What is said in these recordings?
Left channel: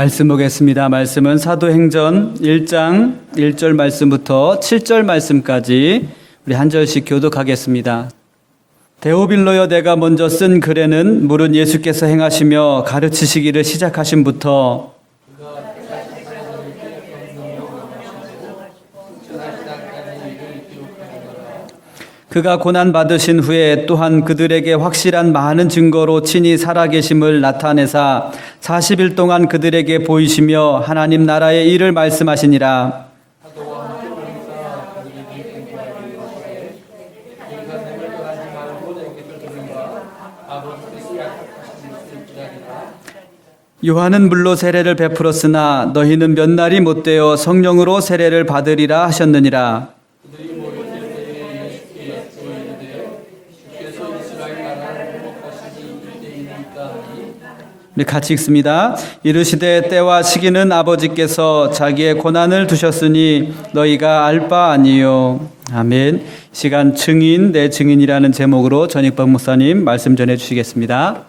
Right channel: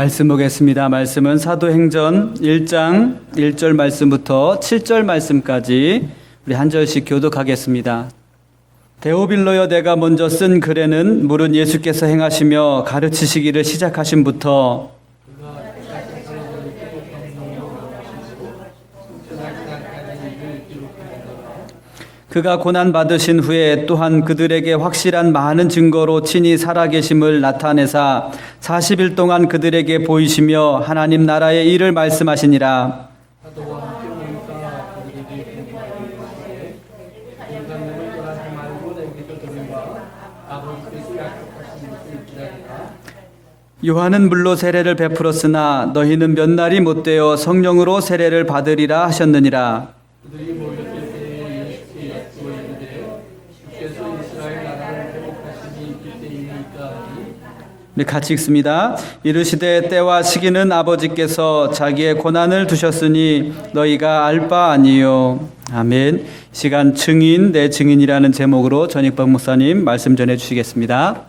말씀 보겠습니다. 말씀은 사도행전 1장 1절 말씀부터 7절 말씀까지 우리 한 절씩 교독하겠습니다. 데오빌로여, 내가 먼저 쓴 글에는 물은 예수께서 행하시며 가르치시기를 시작하심부터 그가 고난받으신 후에 또한 그들에게 확실한 많은 증거로 친히 살아계심을 나타내사 40일 동안 그들에게 보이시며 하나님 나라의 일을 말씀하시니라. 요한은 물로 세례를 베풀었으나 너희는 몇 날이 못되어 성령으로 세례를 받으리라 하셨느니라. 우리 같이 읽습니다. 이르시되 때와 시기는 아버지께서 자기의 고난을 두셨으니 너희가 알 바 아니요. 아멘. 시간 증인 내 증인이라는 제목으로 전익박 목사님 말씀 전해 주시겠습니다.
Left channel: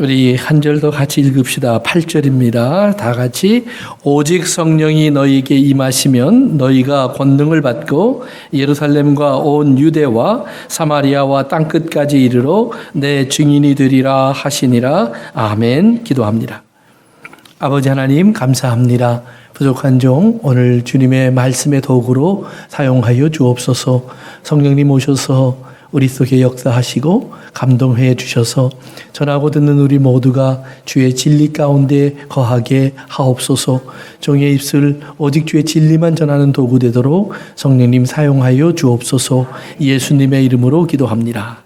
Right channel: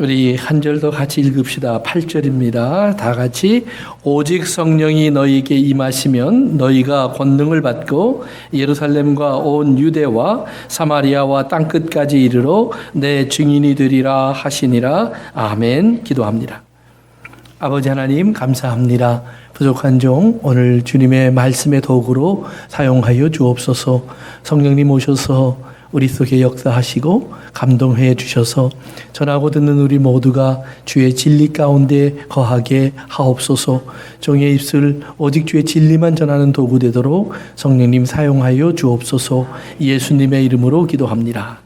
우리 한 절 더 같이 읽읍시다. 8절입니다. 다 같이 오직 성령이 너희에게 임하시면 너희가 권능을 받고 예루살렘과 온 유대와 사마리아와 땅끝까지 이르러 내 증인이 되리라 하시니라. 아멘. 기도합니다. 아버지 하나님 감사합니다. 부족한 종 오늘 주님의 말씀의 도구로 사용하여 주옵소서. 성령님 오셔서 우리 속에 역사하시고 감동해 주셔서 전하고 듣는 우리 모두가 주의 진리 가운데 거하게 하옵소서. 종의 입술 오직 주의 진리만 전하는 도구 되도록 성령님 사용하여 주옵소서. 예수님의 이름으로 기도합니다.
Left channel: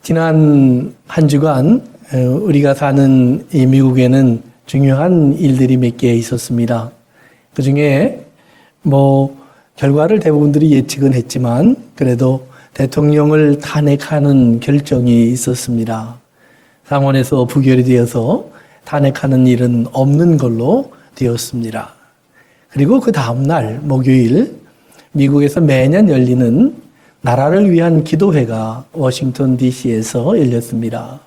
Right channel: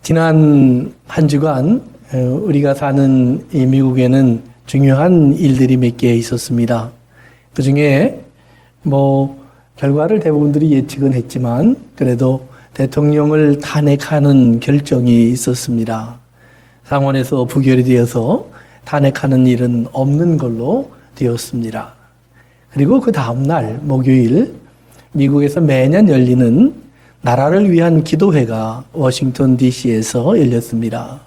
지난 한 주간 우리가 사는 이 미국에는 중요한 일들이 몇 개 있었습니다. 그 중에 결과를 대부분들이 예측은 했지만 그래도 대통령을 탄핵하는 결정이 있었습니다. 상원에서 부결이 되어서 탄핵하는 일은 없는 걸로 되었습니다. 그리고 그 다음날 목요일 미국에서 매년 열리는 나라를 위한 기도회가 워싱턴 DC에서 열렸습니다.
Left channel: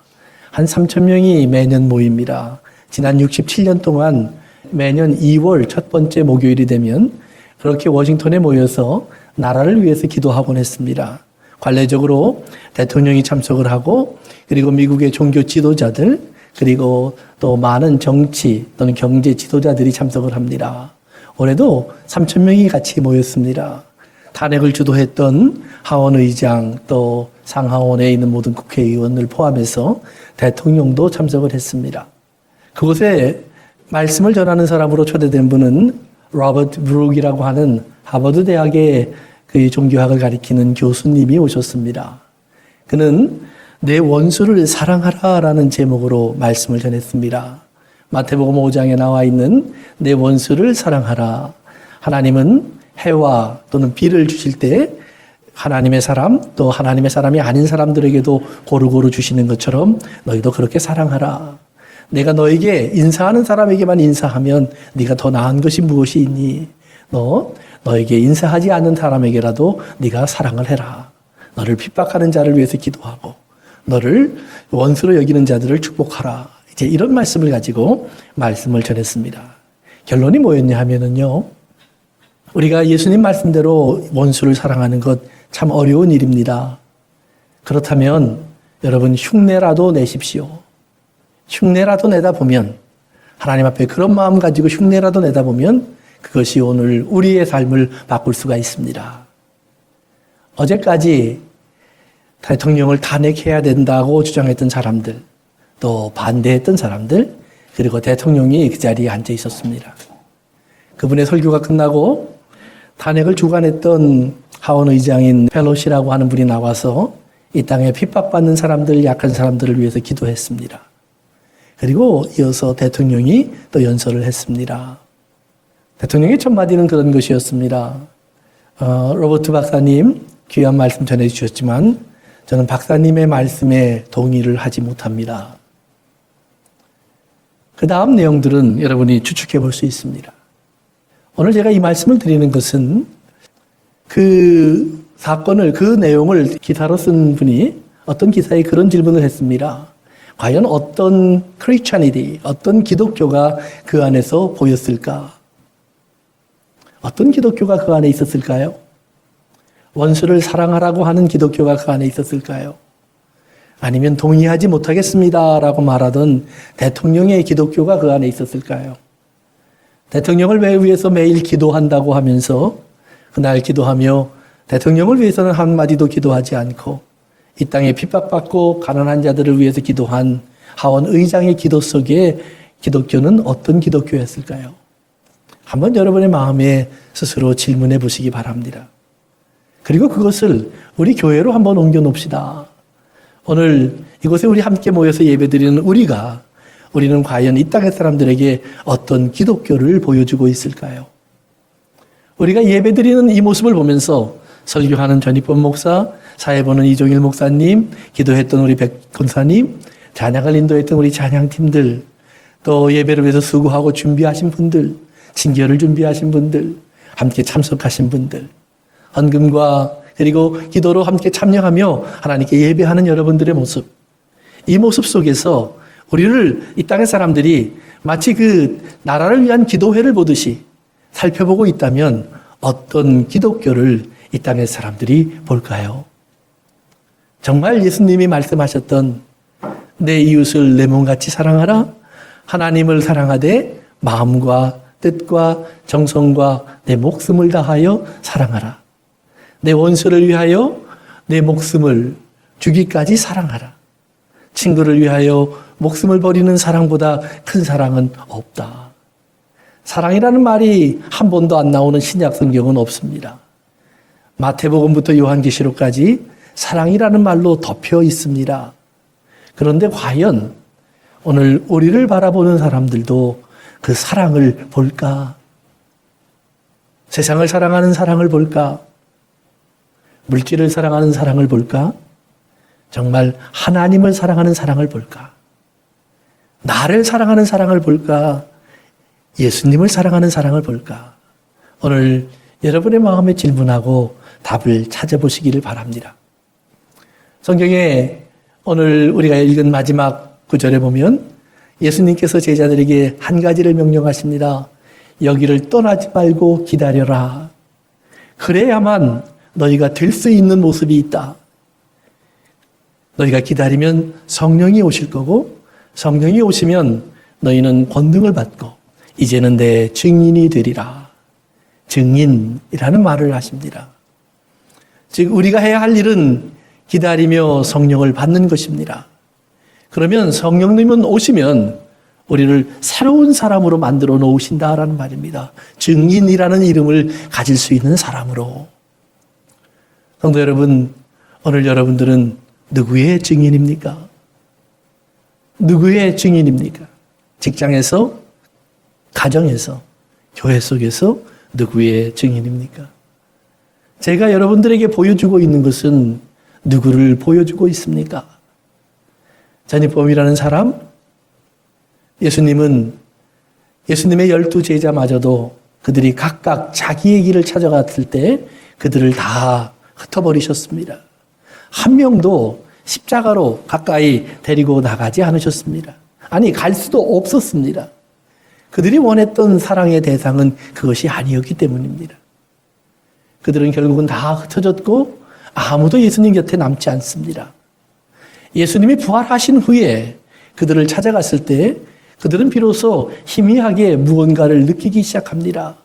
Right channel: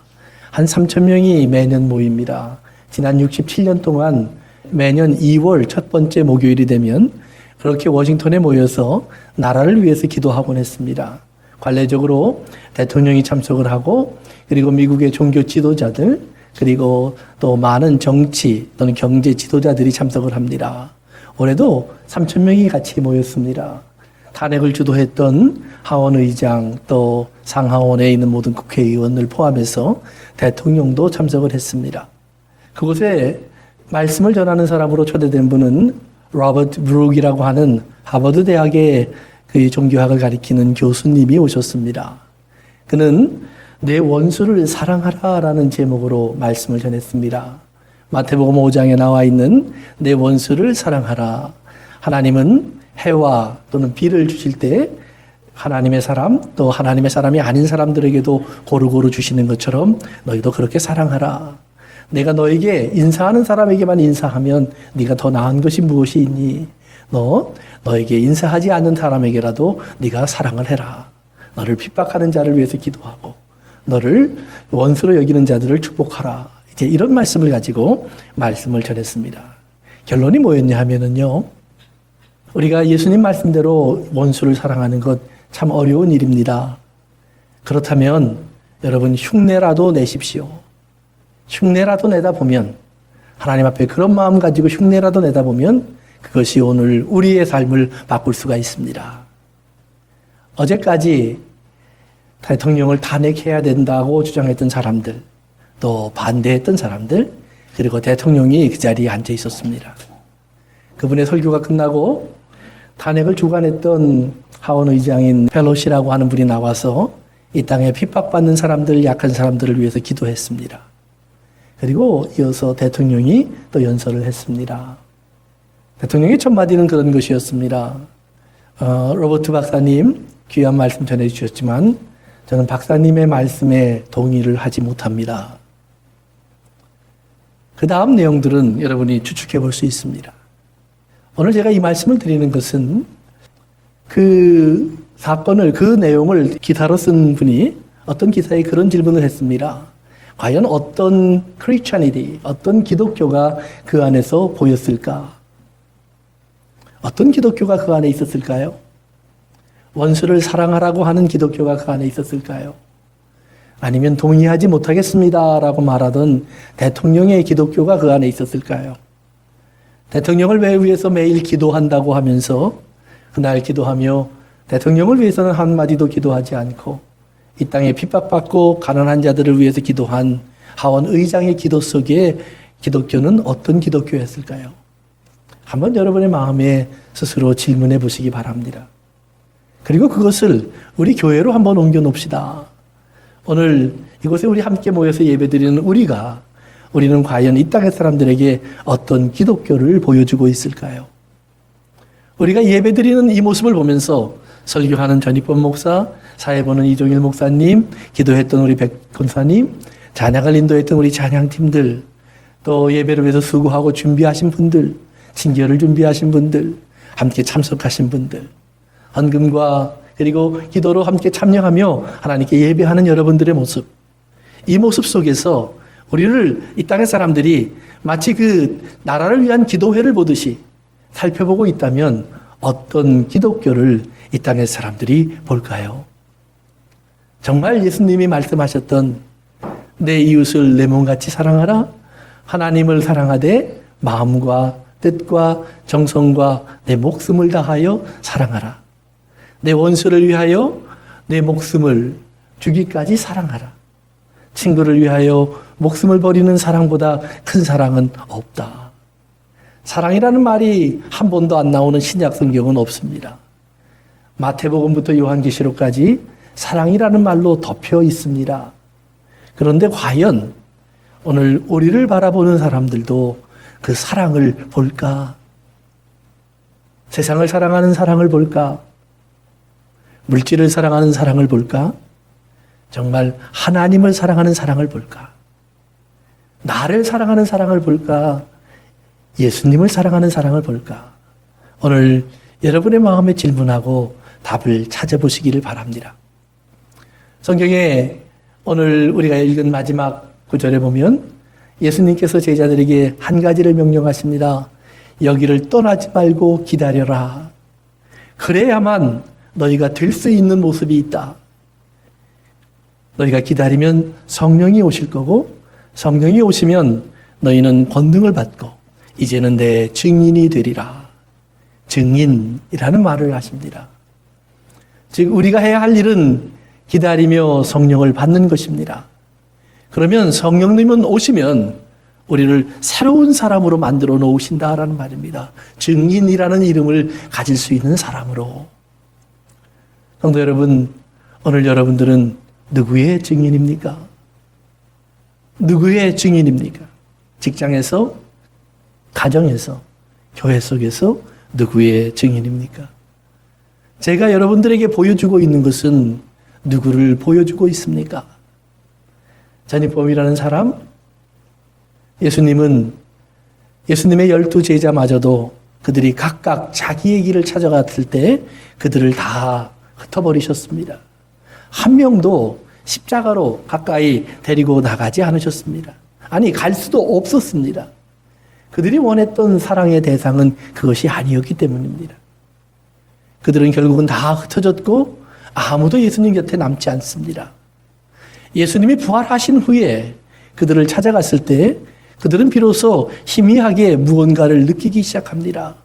한 3,000명이 매년 모입니다. 지난 67년 동안 매년 2월 첫 번째 목요일이 되면 그렇게 워싱턴에 모여서 나라를 위해서 기도하곤 했습니다. 관례적으로 대통령이 참석을 하고 그리고 미국의 종교 지도자들 그리고 또 많은 정치 또는 경제 지도자들이 참석을 합니다. 올해도 3,000명이 같이 모였습니다. 탄핵을 주도했던 하원 의장 또 상하원에 있는 모든 국회의원을 포함해서 대통령도 참석을 했습니다. 그곳에 말씀을 전하는 사람으로 초대된 분은 로버트 브룩이라고 하는 하버드 대학의 그 종교학을 가리키는 교수님이 오셨습니다. 그는 내 원수를 사랑하라라는 제목으로 말씀을 전했습니다. 마태복음 5장에 나와 있는 내 원수를 사랑하라. 하나님은 해와 또는 비를 주실 때 하나님의 사람 또 하나님의 사람이 아닌 사람들에게도 고루고루 주시는 것처럼 너희도 그렇게 사랑하라. 내가 너에게 인사하는 사람에게만 인사하면 네가 더 나은 것이 무엇이 있니? 너에게 인사하지 않는 사람에게라도 네가 사랑을 해라. 너를 핍박하는 자를 위해서 기도하고 너를 원수로 여기는 자들을 축복하라. 이제 이런 말씀을 가지고 말씀을 전했습니다. 결론이 뭐였냐 하면은요. 우리가 예수님 말씀대로 원수를 사랑하는 것 참 어려운 일입니다. 그렇다면 여러분 흉내라도 내십시오. 흉내라도 내다 보면 하나님 앞에 그런 마음 가지고 흉내라도 내다 보면 그것이 오늘 우리의 삶을 바꿀 수가 있습니다. 어제까지 대통령을 탄핵해야 된다고 주장했던 사람들 또 반대했던 사람들 그리고 대통령이 그 자리에 앉아 있었습니다. 그분의 설교가 끝나고 탄핵을 주관했던 하원 의장인 펠로시라고 하는 분이 나와서 이 땅에 핍박받는 사람들 약한 사람들을 위해서 기도했습니다. 그리고 이어서 대통령이 또 연설을 했습니다. 대통령의 첫 마디는 그런 것이었습니다. 로버트 박사님 귀한 말씀 전해주셨지만 저는 박사님의 말씀에 동의를 하지 못합니다. 그 다음 내용들은 여러분이 추측해 볼 수 있습니다. 오늘 제가 이 말씀을 드리는 것은 그 사건을 그 내용을 기사로 쓴 분이 어떤 기사에 그런 질문을 했습니다. 과연 어떤 크리스찬이디, 어떤 기독교가 그 안에서 보였을까? 어떤 기독교가 그 안에 있었을까요? 원수를 사랑하라고 하는 기독교가 그 안에 있었을까요? 아니면 동의하지 못하겠습니다라고 말하던 대통령의 기독교가 그 안에 있었을까요? 대통령을 위해서 매일 기도한다고 하면서 그날 기도하며 대통령을 위해서는 한마디도 기도하지 않고 이 땅에 핍박받고 가난한 자들을 위해서 기도한 하원 의장의 기도 속에 기독교는 어떤 기독교였을까요? 한번 여러분의 마음에 스스로 질문해 보시기 바랍니다. 그리고 그것을 우리 교회로 한번 옮겨 놓읍시다. 오늘 이곳에 우리 함께 모여서 예배드리는 우리는 과연 이 땅의 사람들에게 어떤 기독교를 보여주고 있을까요? 우리가 예배드리는 이 모습을 보면서 설교하는 전익범 목사, 사회 보는 이종일 목사님, 기도했던 우리 백 권사님, 찬양을 인도했던 우리 찬양팀들, 또 예배를 위해서 수고하고 준비하신 분들, 친교를 준비하신 분들, 함께 참석하신 분들, 헌금과 그리고 기도로 함께 참여하며 하나님께 예배하는 여러분들의 모습, 이 모습 속에서 우리를 이 땅의 사람들이 마치 그 나라를 위한 기도회를 보듯이 살펴보고 있다면 어떤 기독교를 이 땅의 사람들이 볼까요? 정말 예수님이 말씀하셨던 내 이웃을 내 몸같이 사랑하라. 하나님을 사랑하되 마음과 뜻과 정성과 내 목숨을 다하여 사랑하라. 내 원수를 위하여 내 목숨을 주기까지 사랑하라. 친구를 위하여 목숨을 버리는 사랑보다 큰 사랑은 없다. 사랑이라는 말이 한 번도 안 나오는 신약 성경은 없습니다. 마태복음부터 요한계시록까지 사랑이라는 말로 덮여 있습니다. 그런데 과연 오늘 우리를 바라보는 사람들도 그 사랑을 볼까? 세상을 사랑하는 사랑을 볼까? 물질을 사랑하는 사랑을 볼까? 정말 하나님을 사랑하는 사랑을 볼까? 나를 사랑하는 사랑을 볼까? 예수님을 사랑하는 사랑을 볼까? 오늘 여러분의 마음에 질문하고 답을 찾아보시기를 바랍니다. 성경에 오늘 우리가 읽은 마지막 구절에 보면 예수님께서 제자들에게 한 가지를 명령하십니다. 여기를 떠나지 말고 기다려라. 그래야만 너희가 될 수 있는 모습이 있다. 너희가 기다리면 성령이 오실 거고 성령이 오시면 너희는 권능을 받고 이제는 내 증인이 되리라. 증인이라는 말을 하십니다. 즉 우리가 해야 할 일은 기다리며 성령을 받는 것입니다. 그러면 성령님은 오시면 우리를 새로운 사람으로 만들어 놓으신다라는 말입니다. 증인이라는 이름을 가질 수 있는 사람으로. 성도 여러분, 오늘 여러분들은 누구의 증인입니까? 누구의 증인입니까? 직장에서, 가정에서, 교회 속에서 누구의 증인입니까? 제가 여러분들에게 보여주고 있는 것은 누구를 보여주고 있습니까? 전익범이라는 사람, 예수님의 12 제자마저도 그들이 각각 자기의 길을 찾아갔을 때 그들을 다 흩어버리셨습니다. 한 명도 십자가로 가까이 데리고 나가지 않으셨습니다. 아니, 갈 수도 없었습니다. 그들이 원했던 사랑의 대상은 그것이 아니었기 때문입니다. 그들은 결국은 다 흩어졌고 아무도 예수님 곁에 남지 않습니다. 예수님이 부활하신 후에 그들을 찾아갔을 때 그들은 비로소 희미하게 무언가를 느끼기 시작합니다.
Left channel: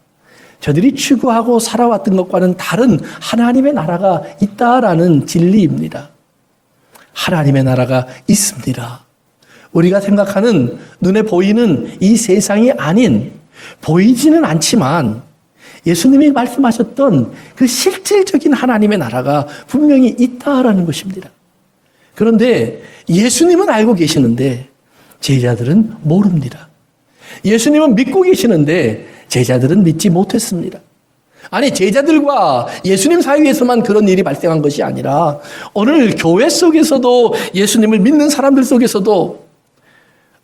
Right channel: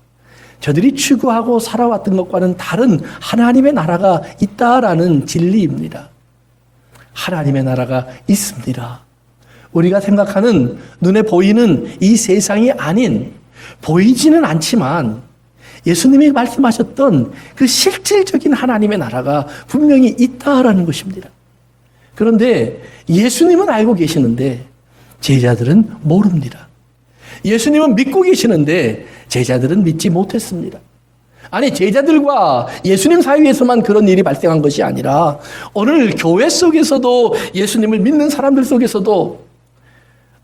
저들이 추구하고 살아왔던 것과는 다른 하나님의 나라가 있다라는 진리입니다. 하나님의 나라가 있습니다. 우리가 생각하는 눈에 보이는 이 세상이 아닌, 보이지는 않지만 예수님이 말씀하셨던 그 실질적인 하나님의 나라가 분명히 있다라는 것입니다. 그런데 예수님은 알고 계시는데 제자들은 모릅니다. 예수님은 믿고 계시는데 제자들은 믿지 못했습니다. 아니, 제자들과 예수님 사이에서만 그런 일이 발생한 것이 아니라 오늘 교회 속에서도 예수님을 믿는 사람들 속에서도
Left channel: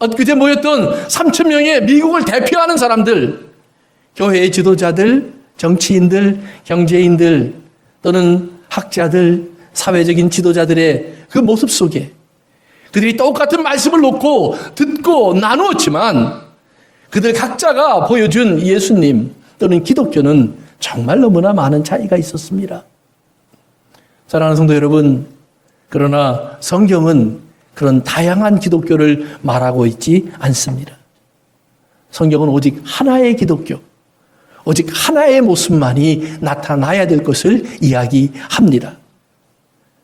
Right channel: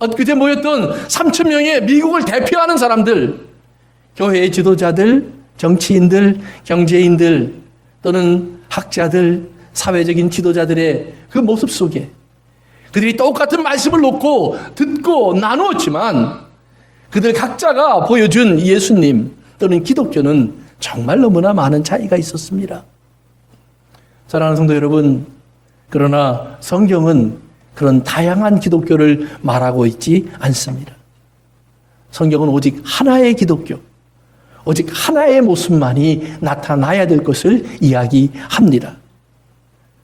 엊그제 모였던 3,000명의 미국을 대표하는 사람들, 교회의 지도자들, 정치인들, 경제인들 또는 학자들, 사회적인 지도자들의 그 모습 속에 그들이 똑같은 말씀을 놓고 듣고 나누었지만 그들 각자가 보여준 예수님 또는 기독교는 정말 너무나 많은 차이가 있었습니다. 사랑하는 성도 여러분, 그러나 성경은 그런 다양한 기독교를 말하고 있지 않습니다. 성경은 오직 하나의 기독교, 오직 하나의 모습만이 나타나야 될 것을 이야기합니다.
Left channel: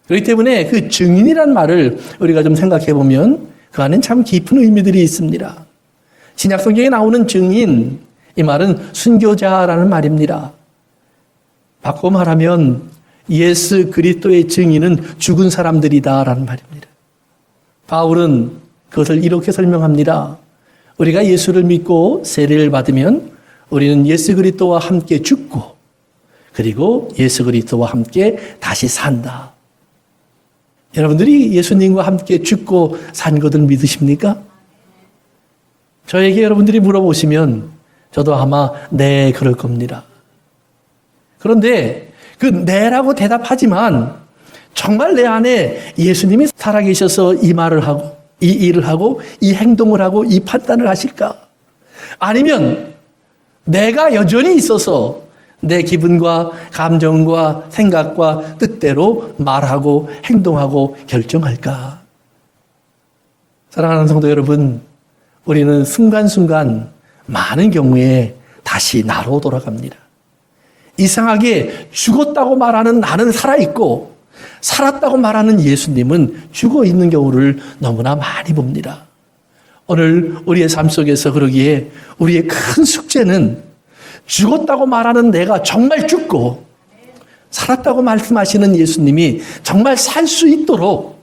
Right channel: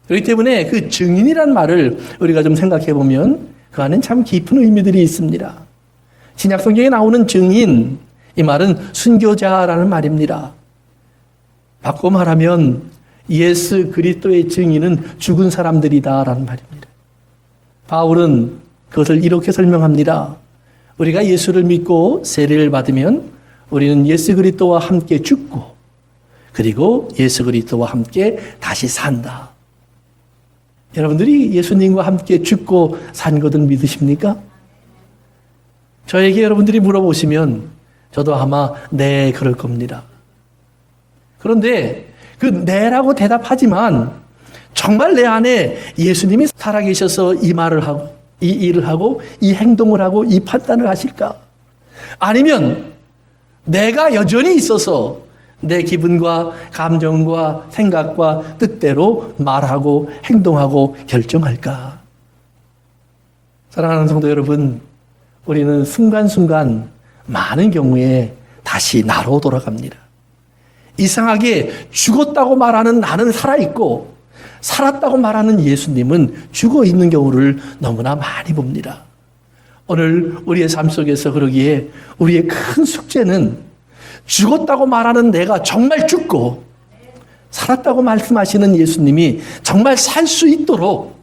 그렇기 때문에 그 증인이란 말을 우리가 좀 생각해 보면 그 안엔 참 깊은 의미들이 있습니다. 신약 성경에 나오는 증인, 이 말은 순교자라는 말입니다. 바꿔 말하면 예수 그리스도의 증인은 죽은 사람들이다라는 말입니다. 바울은 그것을 이렇게 설명합니다. 우리가 예수를 믿고 세례를 받으면 우리는 예수 그리스도와 함께 죽고 그리고 예수 그리스도와 함께 다시 산다. 여러분들이 예수님과 함께 죽고 산 것을 믿으십니까? 저에게 여러분들이 물어보시면 저도 아마 네, 그럴 겁니다. 그런데 그 네라고 대답하지만 정말 내 안에 예수님이 살아계셔서 이 말을 하고 이 일을 하고 이 행동을 하고 이 판단을 하실까? 아니면 내가 여전히 있어서 내 기분과 감정과 생각과 뜻대로 말하고 행동하고 결정할까? 사랑하는 성도 여러분, 우리는 순간순간 많은 경우에 다시 나로 돌아갑니다. 이상하게 죽었다고 말하는 나는 살아있고 살았다고 말하는 예수님은 죽어있는 경우를 너무나 많이 봅니다. 오늘 우리의 삶 속에서 그러기에 우리의 큰 숙제는 죽었다고 말하는 내가 정말 죽고 살았다고 말씀하시는 예수님이 정말 살 수 있도록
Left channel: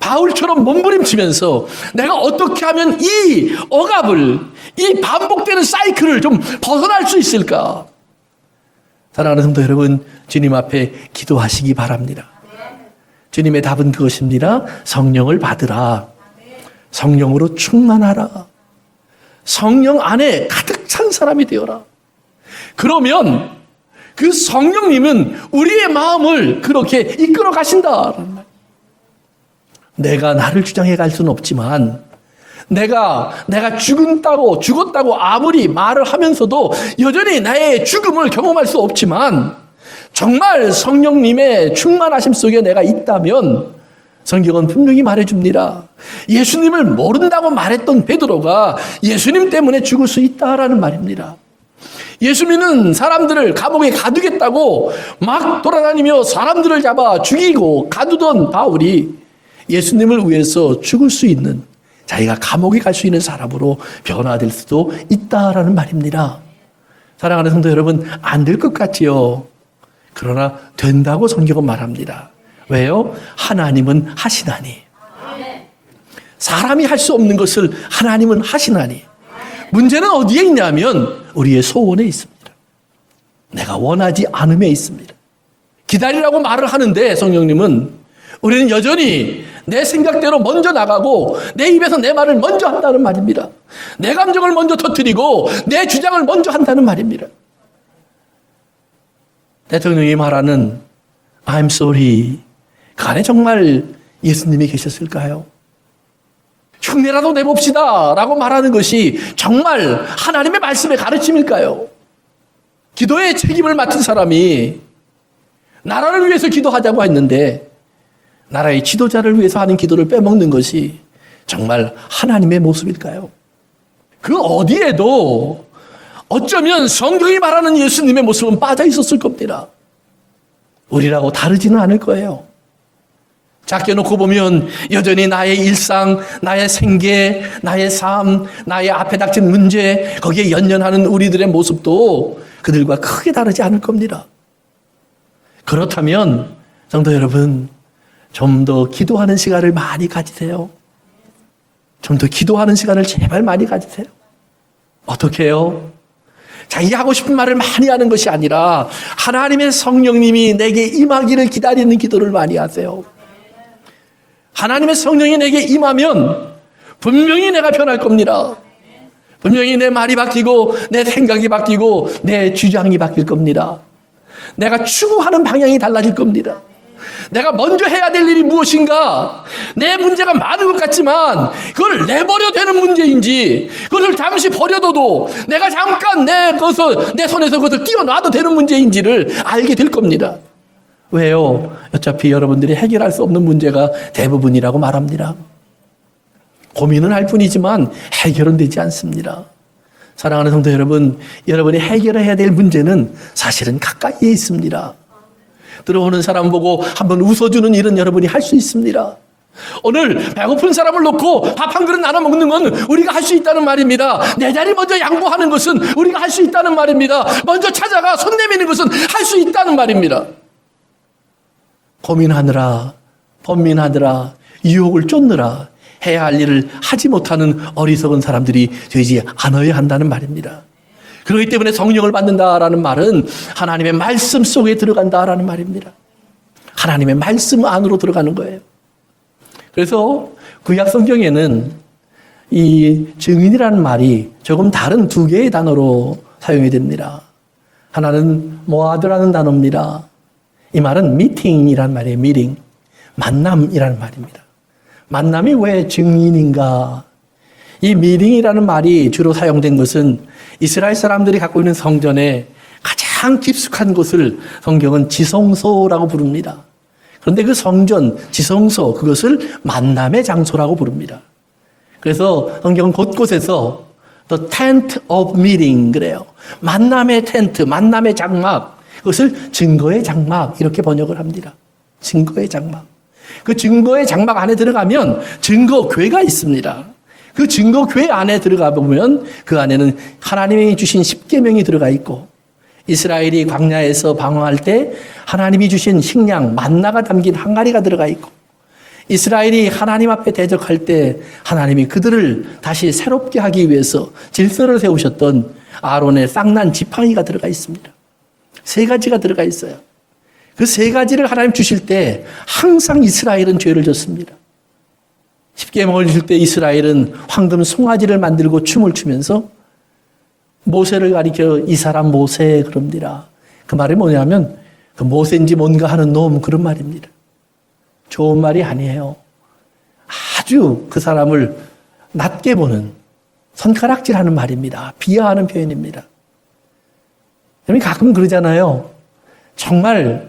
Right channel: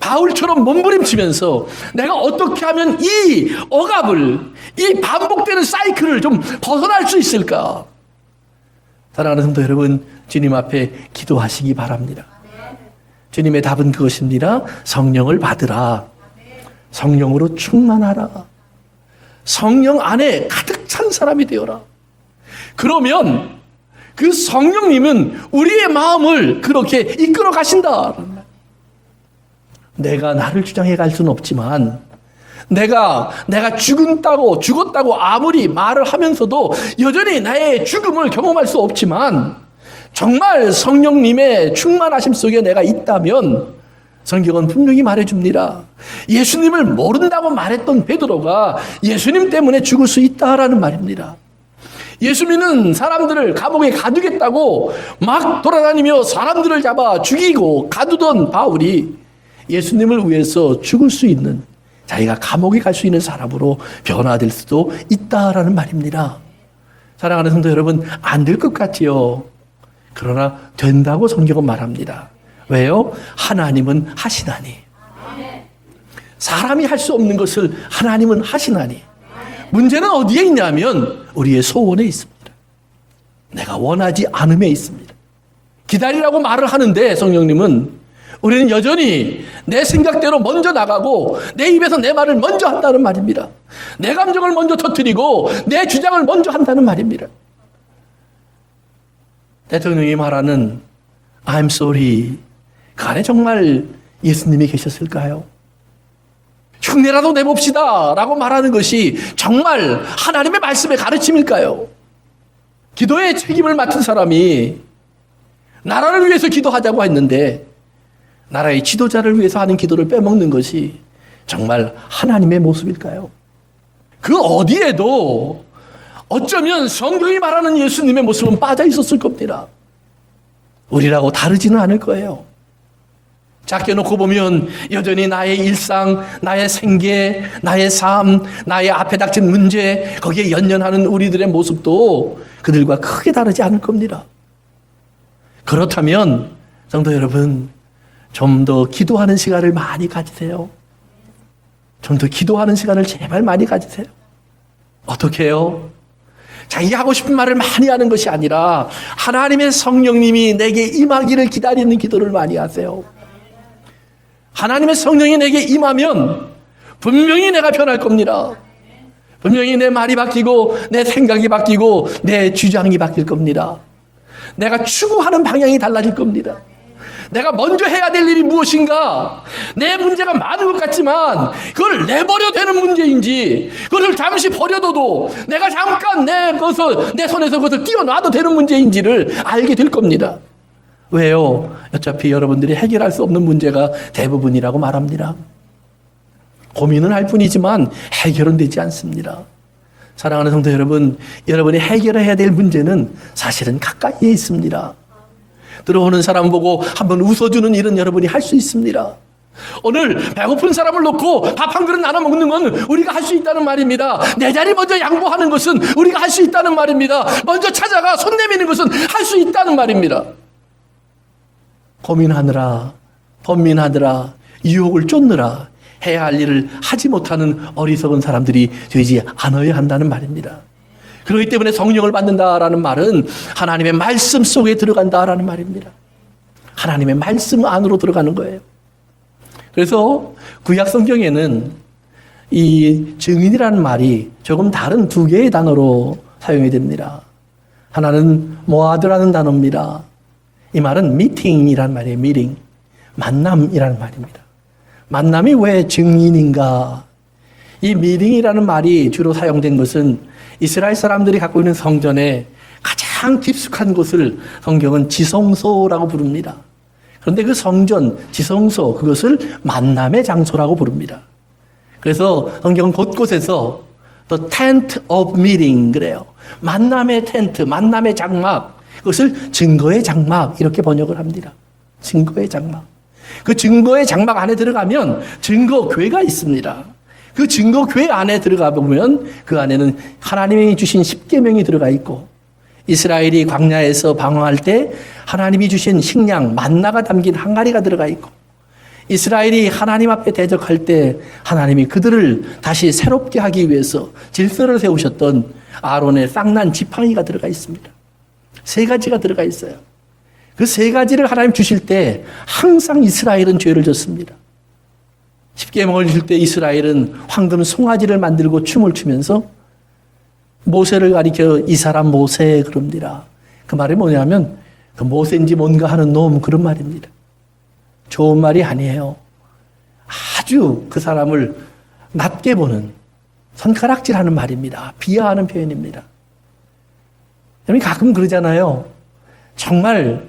바울처럼 몸부림치면서 내가 어떻게 하면 이 억압을, 이 반복되는 사이클을 좀 벗어날 수 있을까? 사랑하는 성도 여러분, 주님 앞에 기도하시기 바랍니다. 주님의 답은 그것입니다. 성령을 받으라. 성령으로 충만하라. 성령 안에 가득 찬 사람이 되어라. 그러면 그 성령님은 우리의 마음을 그렇게 이끌어 가신다. 내가 나를 주장해 갈 수는 없지만 내가 죽었다고 아무리 말을 하면서도 여전히 나의 죽음을 경험할 수 없지만 정말 성령님의 충만하심 속에 내가 있다면 성경은 분명히 말해줍니다. 예수님을 모른다고 말했던 베드로가 예수님 때문에 죽을 수 있다라는 말입니다. 예수 믿는 사람들을 감옥에 가두겠다고 막 돌아다니며 사람들을 잡아 죽이고 가두던 바울이 예수님을 위해서 죽을 수 있는, 자기가 감옥에 갈 수 있는 사람으로 변화될 수도 있다라는 말입니다. 사랑하는 성도 여러분, 안 될 것 같지요. 그러나 된다고 성경은 말합니다. 왜요? 하나님은 하시나니. 사람이 할 수 없는 것을 하나님은 하시나니. 문제는 어디에 있냐면 우리의 소원에 있습니다. 내가 원하지 않음에 있습니다. 기다리라고 말을 하는데 성령님은 우리는 여전히 내 생각대로 먼저 나가고 내 입에서 내 말을 먼저 한다는 말입니다. 내 감정을 먼저 터뜨리고 내 주장을 먼저 한다는 말입니다. 대통령이 말하는 I'm sorry, 그 안에 정말 예수님이 계셨을까요? 흉내라도 내봅시다 라고 말하는 것이 정말 하나님의 말씀의 가르침일까요? 기도의 책임을 맡은 사람이 나라를 위해서 기도하자고 했는데 나라의 지도자를 위해서 하는 기도를 빼먹는 것이 정말 하나님의 모습일까요? 그 어디에도 어쩌면 성경이 말하는 예수님의 모습은 빠져 있었을 겁니다. 우리라고 다르지는 않을 거예요. 작게 놓고 보면 여전히 나의 일상, 나의 생계, 나의 삶, 나의 앞에 닥친 문제, 거기에 연연하는 우리들의 모습도 그들과 크게 다르지 않을 겁니다. 그렇다면 성도 여러분, 좀 더 기도하는 시간을 많이 가지세요. 좀 더 기도하는 시간을 제발 많이 가지세요. 어떻게 해요? 자기가 하고 싶은 말을 많이 하는 것이 아니라 하나님의 성령님이 내게 임하기를 기다리는 기도를 많이 하세요. 하나님의 성령이 내게 임하면 분명히 내가 변할 겁니다. 분명히 내 말이 바뀌고 내 생각이 바뀌고 내 주장이 바뀔 겁니다. 내가 추구하는 방향이 달라질 겁니다. 내가 먼저 해야 될 일이 무엇인가? 내 문제가 많은 것 같지만 그걸 내버려 되는 문제인지, 그걸 잠시 버려둬도 내가 잠깐 내 손에서 그것을 띄워놔도 되는 문제인지를 알게 될 겁니다. 왜요? 어차피 여러분들이 해결할 수 없는 문제가 대부분이라고 말합니다. 고민은 할 뿐이지만 해결은 되지 않습니다. 사랑하는 성도 여러분, 여러분이 해결해야 될 문제는 사실은 가까이에 있습니다. 들어오는 사람 보고 한번 웃어주는 일은 여러분이 할 수 있습니다. 오늘 배고픈 사람을 놓고 밥 한 그릇 나눠 먹는 건 우리가 할 수 있다는 말입니다. 내 자리 먼저 양보하는 것은 우리가 할 수 있다는 말입니다. 먼저 찾아가 손 내미는 것은 할 수 있다는 말입니다. 고민하느라, 번민하느라, 유혹을 쫓느라 해야 할 일을 하지 못하는 어리석은 사람들이 되지 않아야 한다는 말입니다. 그렇기 때문에 성령을 받는다라는 말은 하나님의 말씀 속에 들어간다라는 말입니다. 하나님의 말씀 안으로 들어가는 거예요. 그래서 구약 성경에는 이 증인이라는 말이 조금 다른 두 개의 단어로 사용이 됩니다. 하나는 모아드라는 단어입니다. 이 말은 미팅이라는 말이에요. 미팅, 만남이라는 말입니다. 만남이 왜 증인인가? 이 미팅이라는 말이 주로 사용된 것은 이스라엘 사람들이 갖고 있는 성전에 가장 깊숙한 곳을 성경은 지성소라고 부릅니다. 그런데 그 성전, 지성소, 그것을 만남의 장소라고 부릅니다. 그래서 성경 곳곳에서 The Tent of Meeting 그래요. 만남의 텐트, 만남의 장막, 그것을 증거의 장막 이렇게 번역을 합니다. 증거의 장막. 그 증거의 장막 안에 들어가면 증거교회가 있습니다. 그 증거교회 안에 들어가 보면 그 안에는 하나님이 주신 십계명이 들어가 있고, 이스라엘이 광야에서 방황할 때 하나님이 주신 식량 만나가 담긴 항아리가 들어가 있고, 이스라엘이 하나님 앞에 대적할 때 하나님이 그들을 다시 새롭게 하기 위해서 질서를 세우셨던 아론의 쌍난 지팡이가 들어가 있습니다. 세 가지가 들어가 있어요. 그 세 가지를 하나님 주실 때 항상 이스라엘은 죄를 졌습니다. 십계명을 줄 때 이스라엘은 황금 송아지를 만들고 춤을 추면서 모세를 가리켜 이 사람 모세 그럽니다. 그 말이 뭐냐면 그 모세인지 뭔가 하는 놈 그런 말입니다. 좋은 말이 아니에요. 아주 그 사람을 낮게 보는 손가락질하는 말입니다. 비하하는 표현입니다. 가끔 그러잖아요. 정말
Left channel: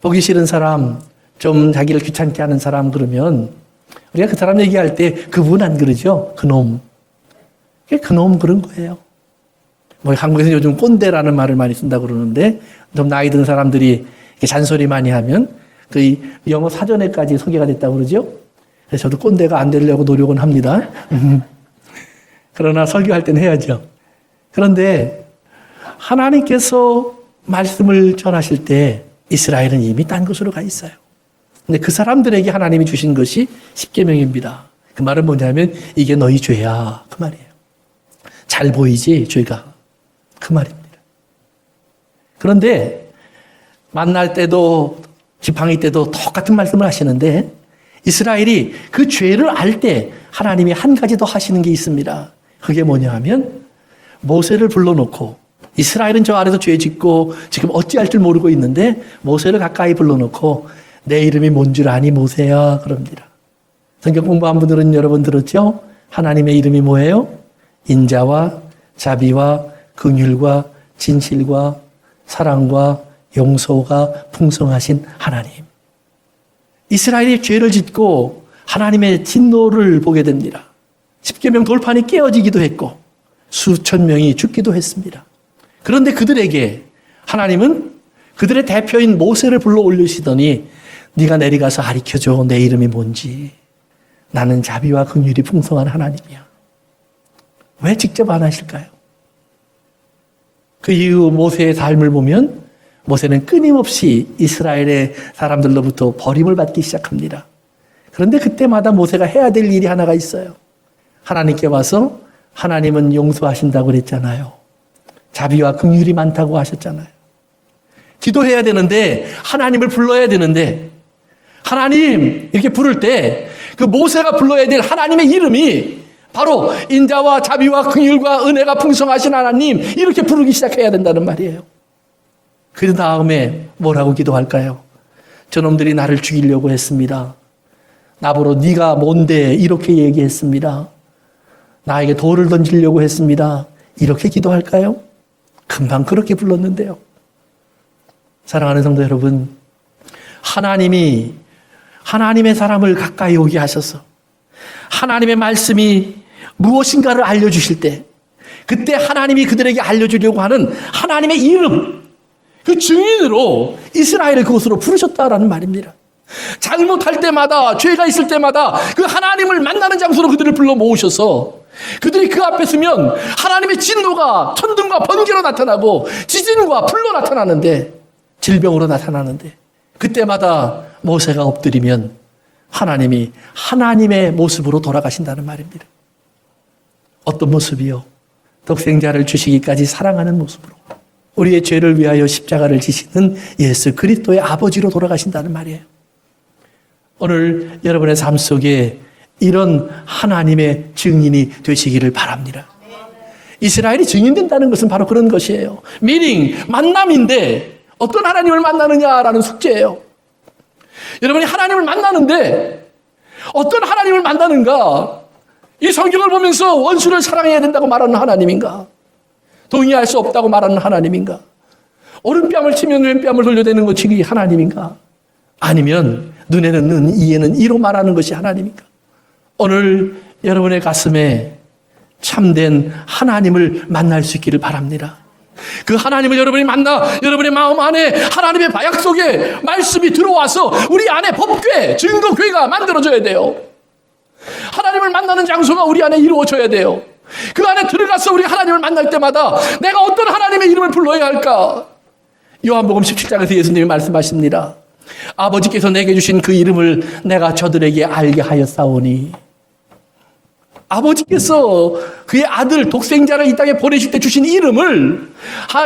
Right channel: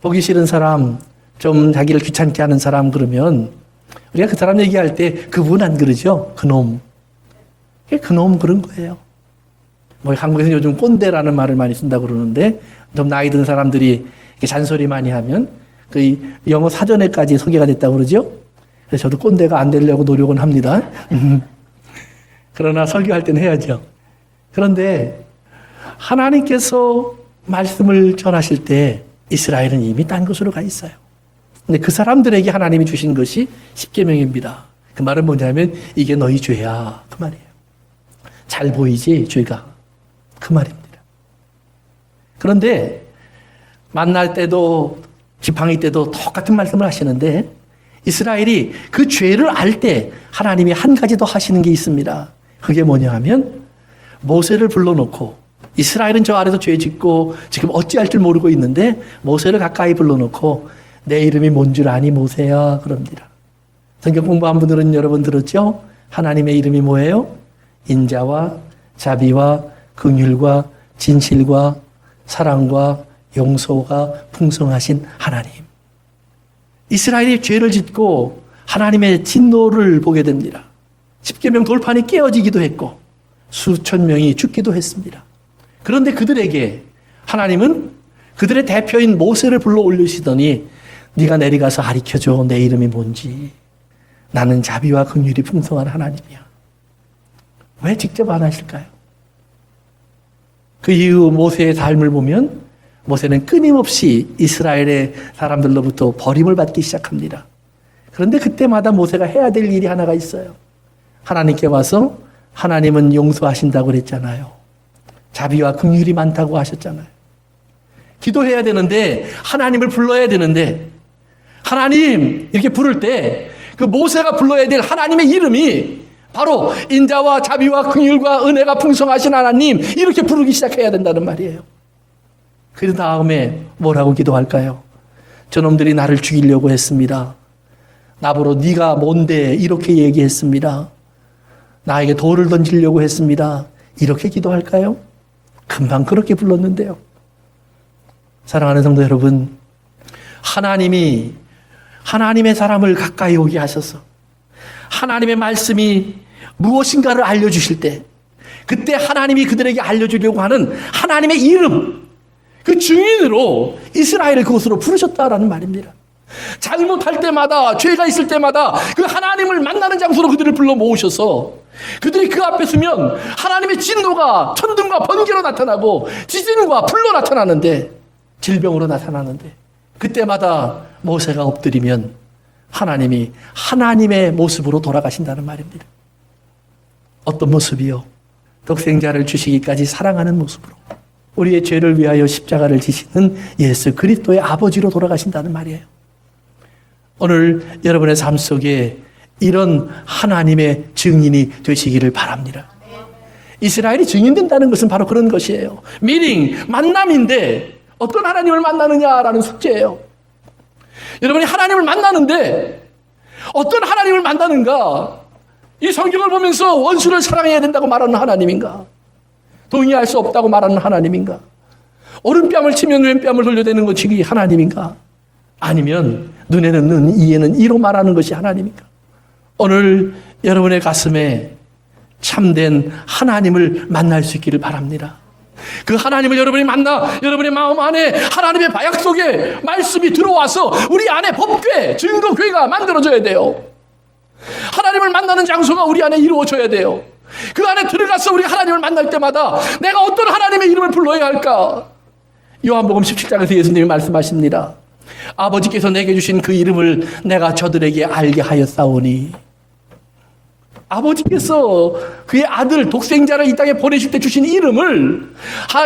보기 싫은 사람, 좀 자기를 귀찮게 하는 사람 그러면 우리가 그 사람 얘기할 때 그분 안 그러죠? 그놈. 그놈 그런 거예요. 뭐 한국에서 요즘 꼰대라는 말을 많이 쓴다고 그러는데 좀 나이 든 사람들이 잔소리 많이 하면 그 영어 사전에까지 소개가 됐다고 그러죠? 그래서 저도 꼰대가 안 되려고 노력은 합니다. 그러나 설교할 때는 해야죠. 그런데 하나님께서 말씀을 전하실 때 이스라엘은 이미 딴 곳으로 가 있어요. 근데 그 사람들에게 하나님이 주신 것이 십계명입니다. 그 말은 뭐냐면 이게 너희 죄야 그 말이에요. 잘 보이지 죄가 그 말입니다. 그런데 만날 때도 지팡이 때도 똑같은 말씀을 하시는데 이스라엘이 그 죄를 알 때 하나님이 한 가지 더 하시는 게 있습니다. 그게 뭐냐 하면 모세를 불러놓고, 이스라엘은 저 안에서 죄 짓고 지금 어찌할 줄 모르고 있는데 모세를 가까이 불러놓고 내 이름이 뭔 줄 아니 모세야 그럽니다. 성경 공부한 분들은 여러분 들었죠? 하나님의 이름이 뭐예요? 인자와 자비와 긍휼과 진실과 사랑과 용서가 풍성하신 하나님. 이스라엘이 죄를 짓고 하나님의 진노를 보게 됩니다. 십계명 돌판이 깨어지기도 했고 수천 명이 죽기도 했습니다. 그런데 그들에게 하나님은 그들의 대표인 모세를 불러 올리시더니 네가 내려가서 가르쳐줘. 내 이름이 뭔지. 나는 자비와 긍휼이 풍성한 하나님이야. 왜 직접 안 하실까요? 그 이후 모세의 삶을 보면 모세는 끊임없이 이스라엘의 사람들로부터 버림을 받기 시작합니다. 그런데 그때마다 모세가 해야 될 일이 하나가 있어요. 하나님께 와서 하나님은 용서하신다고 그랬잖아요. 자비와 긍휼이 많다고 하셨잖아요. 기도해야 되는데 하나님을 불러야 되는데 하나님 이렇게 부를 때 그 모세가 불러야 될 하나님의 이름이 바로 인자와 자비와 긍휼과 은혜가 풍성하신 하나님 이렇게 부르기 시작해야 된다는 말이에요. 그 다음에 뭐라고 기도할까요? 저놈들이 나를 죽이려고 했습니다. 나보러 네가 뭔데 이렇게 얘기했습니다. 나에게 돌을 던지려고 했습니다. 이렇게 기도할까요? 금방 그렇게 불렀는데요. 사랑하는 성도 여러분, 하나님이 하나님의 사람을 가까이 오게 하셔서 하나님의 말씀이 무엇인가를 알려주실 때, 그때 하나님이 그들에게 알려주려고 하는 하나님의 이름, 그 증인으로 이스라엘을 그곳으로 부르셨다라는 말입니다. 잘못할 때마다, 죄가 있을 때마다 그 하나님을 만나는 장소로 그들을 불러 모으셔서 그들이 그 앞에 서면 하나님의 진노가 천둥과 번개로 나타나고 지진과 불로 나타나는데, 질병으로 나타나는데, 그때마다 모세가 엎드리면 하나님이 하나님의 모습으로 돌아가신다는 말입니다. 어떤 모습이요? 독생자를 주시기까지 사랑하는 모습으로 우리의 죄를 위하여 십자가를 지시는 예수 그리스도의 아버지로 돌아가신다는 말이에요. 오늘 여러분의 삶 속에 이런 하나님의 증인이 되시기를 바랍니다. 이스라엘이 증인된다는 것은 바로 그런 것이에요. meaning, 만남인데 어떤 하나님을 만나느냐라는 숙제예요. 여러분이 하나님을 만나는데 어떤 하나님을 만나는가? 이 성경을 보면서 원수를 사랑해야 된다고 말하는 하나님인가? 동의할 수 없다고 말하는 하나님인가? 오른뺨을 치면 왼뺨을 돌려대는 것이 하나님인가? 아니면 눈에는 눈, 이에는 이로 말하는 것이 하나님인가? 오늘 여러분의 가슴에 참된 하나님을 만날 수 있기를 바랍니다. 그 하나님을 여러분이 만나 여러분의 마음 안에 하나님의 방향 속에 말씀이 들어와서 우리 안에 법궤, 증거궤가 만들어져야 돼요. 하나님을 만나는 장소가 우리 안에 이루어져야 돼요. 그 안에 들어가서 우리 하나님을 만날 때마다 내가 어떤 하나님의 이름을 불러야 할까? 요한복음 17장에서 예수님이 말씀하십니다. 아버지께서 내게 주신 그 이름을 내가 저들에게 알게 하였사오니, 아버지께서 그의 아들 독생자를 이 땅에 보내실 때 주신 이름을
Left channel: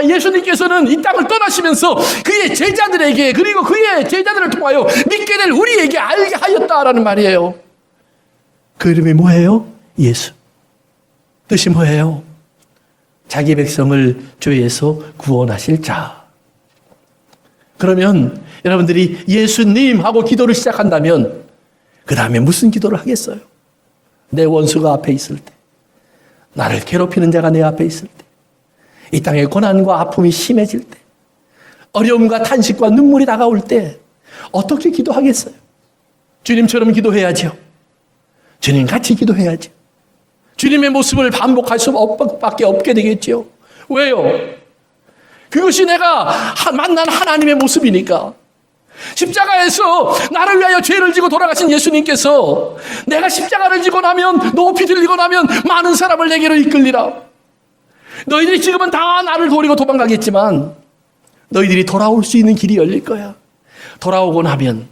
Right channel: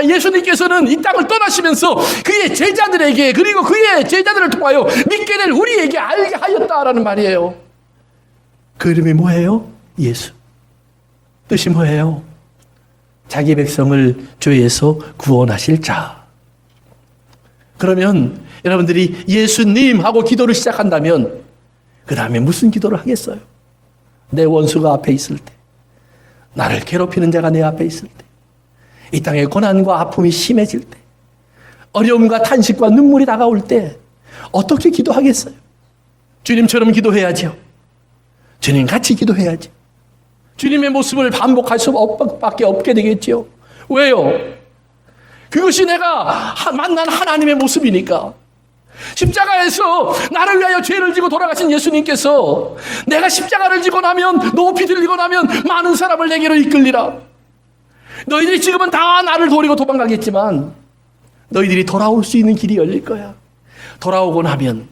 예수님께서는 이 땅을 떠나시면서 그의 제자들에게, 그리고 그의 제자들을 통하여 믿게 될 우리에게 알게 하였다라는 말이에요. 그 이름이 뭐예요? 예수. 뜻이 뭐예요? 자기 백성을 죄에서 구원하실 자. 그러면 여러분들이 예수님 하고 기도를 시작한다면 그 다음에 무슨 기도를 하겠어요? 내 원수가 앞에 있을 때, 나를 괴롭히는 자가 내 앞에 있을 때, 이 땅의 고난과 아픔이 심해질 때, 어려움과 탄식과 눈물이 다가올 때 어떻게 기도하겠어요? 주님처럼 기도해야죠. 주님 같이 기도해야죠. 주님의 모습을 반복할 수밖에 없게 되겠죠. 왜요? 그것이 내가 만난 하나님의 모습이니까. 십자가에서 나를 위하여 죄를 지고 돌아가신 예수님께서 내가 십자가를 지고 나면, 높이 들리고 나면 많은 사람을 내게로 이끌리라. 너희들이 지금은 다 나를 버리고 도망가겠지만 너희들이 돌아올 수 있는 길이 열릴 거야. 돌아오고 나면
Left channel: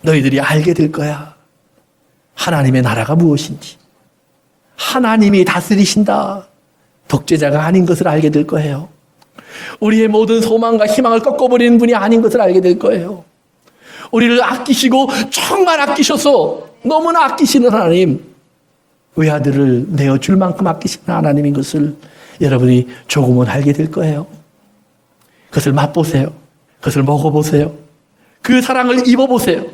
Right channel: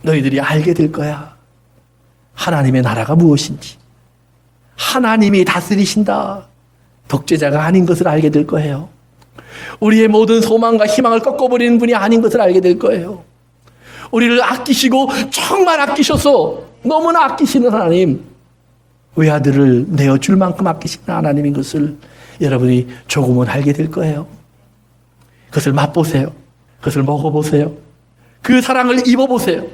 너희들이 알게 될 거야. 하나님의 나라가 무엇인지, 하나님이 다스리신다, 독재자가 아닌 것을 알게 될 거예요. 우리의 모든 소망과 희망을 꺾어버리는 분이 아닌 것을 알게 될 거예요. 우리를 아끼시고 정말 아끼셔서 너무나 아끼시는 하나님, 외아들을 내어줄 만큼 아끼시는 하나님인 것을 여러분이 조금은 알게 될 거예요. 그것을 맛보세요. 그것을 먹어보세요. 그 사랑을 입어보세요.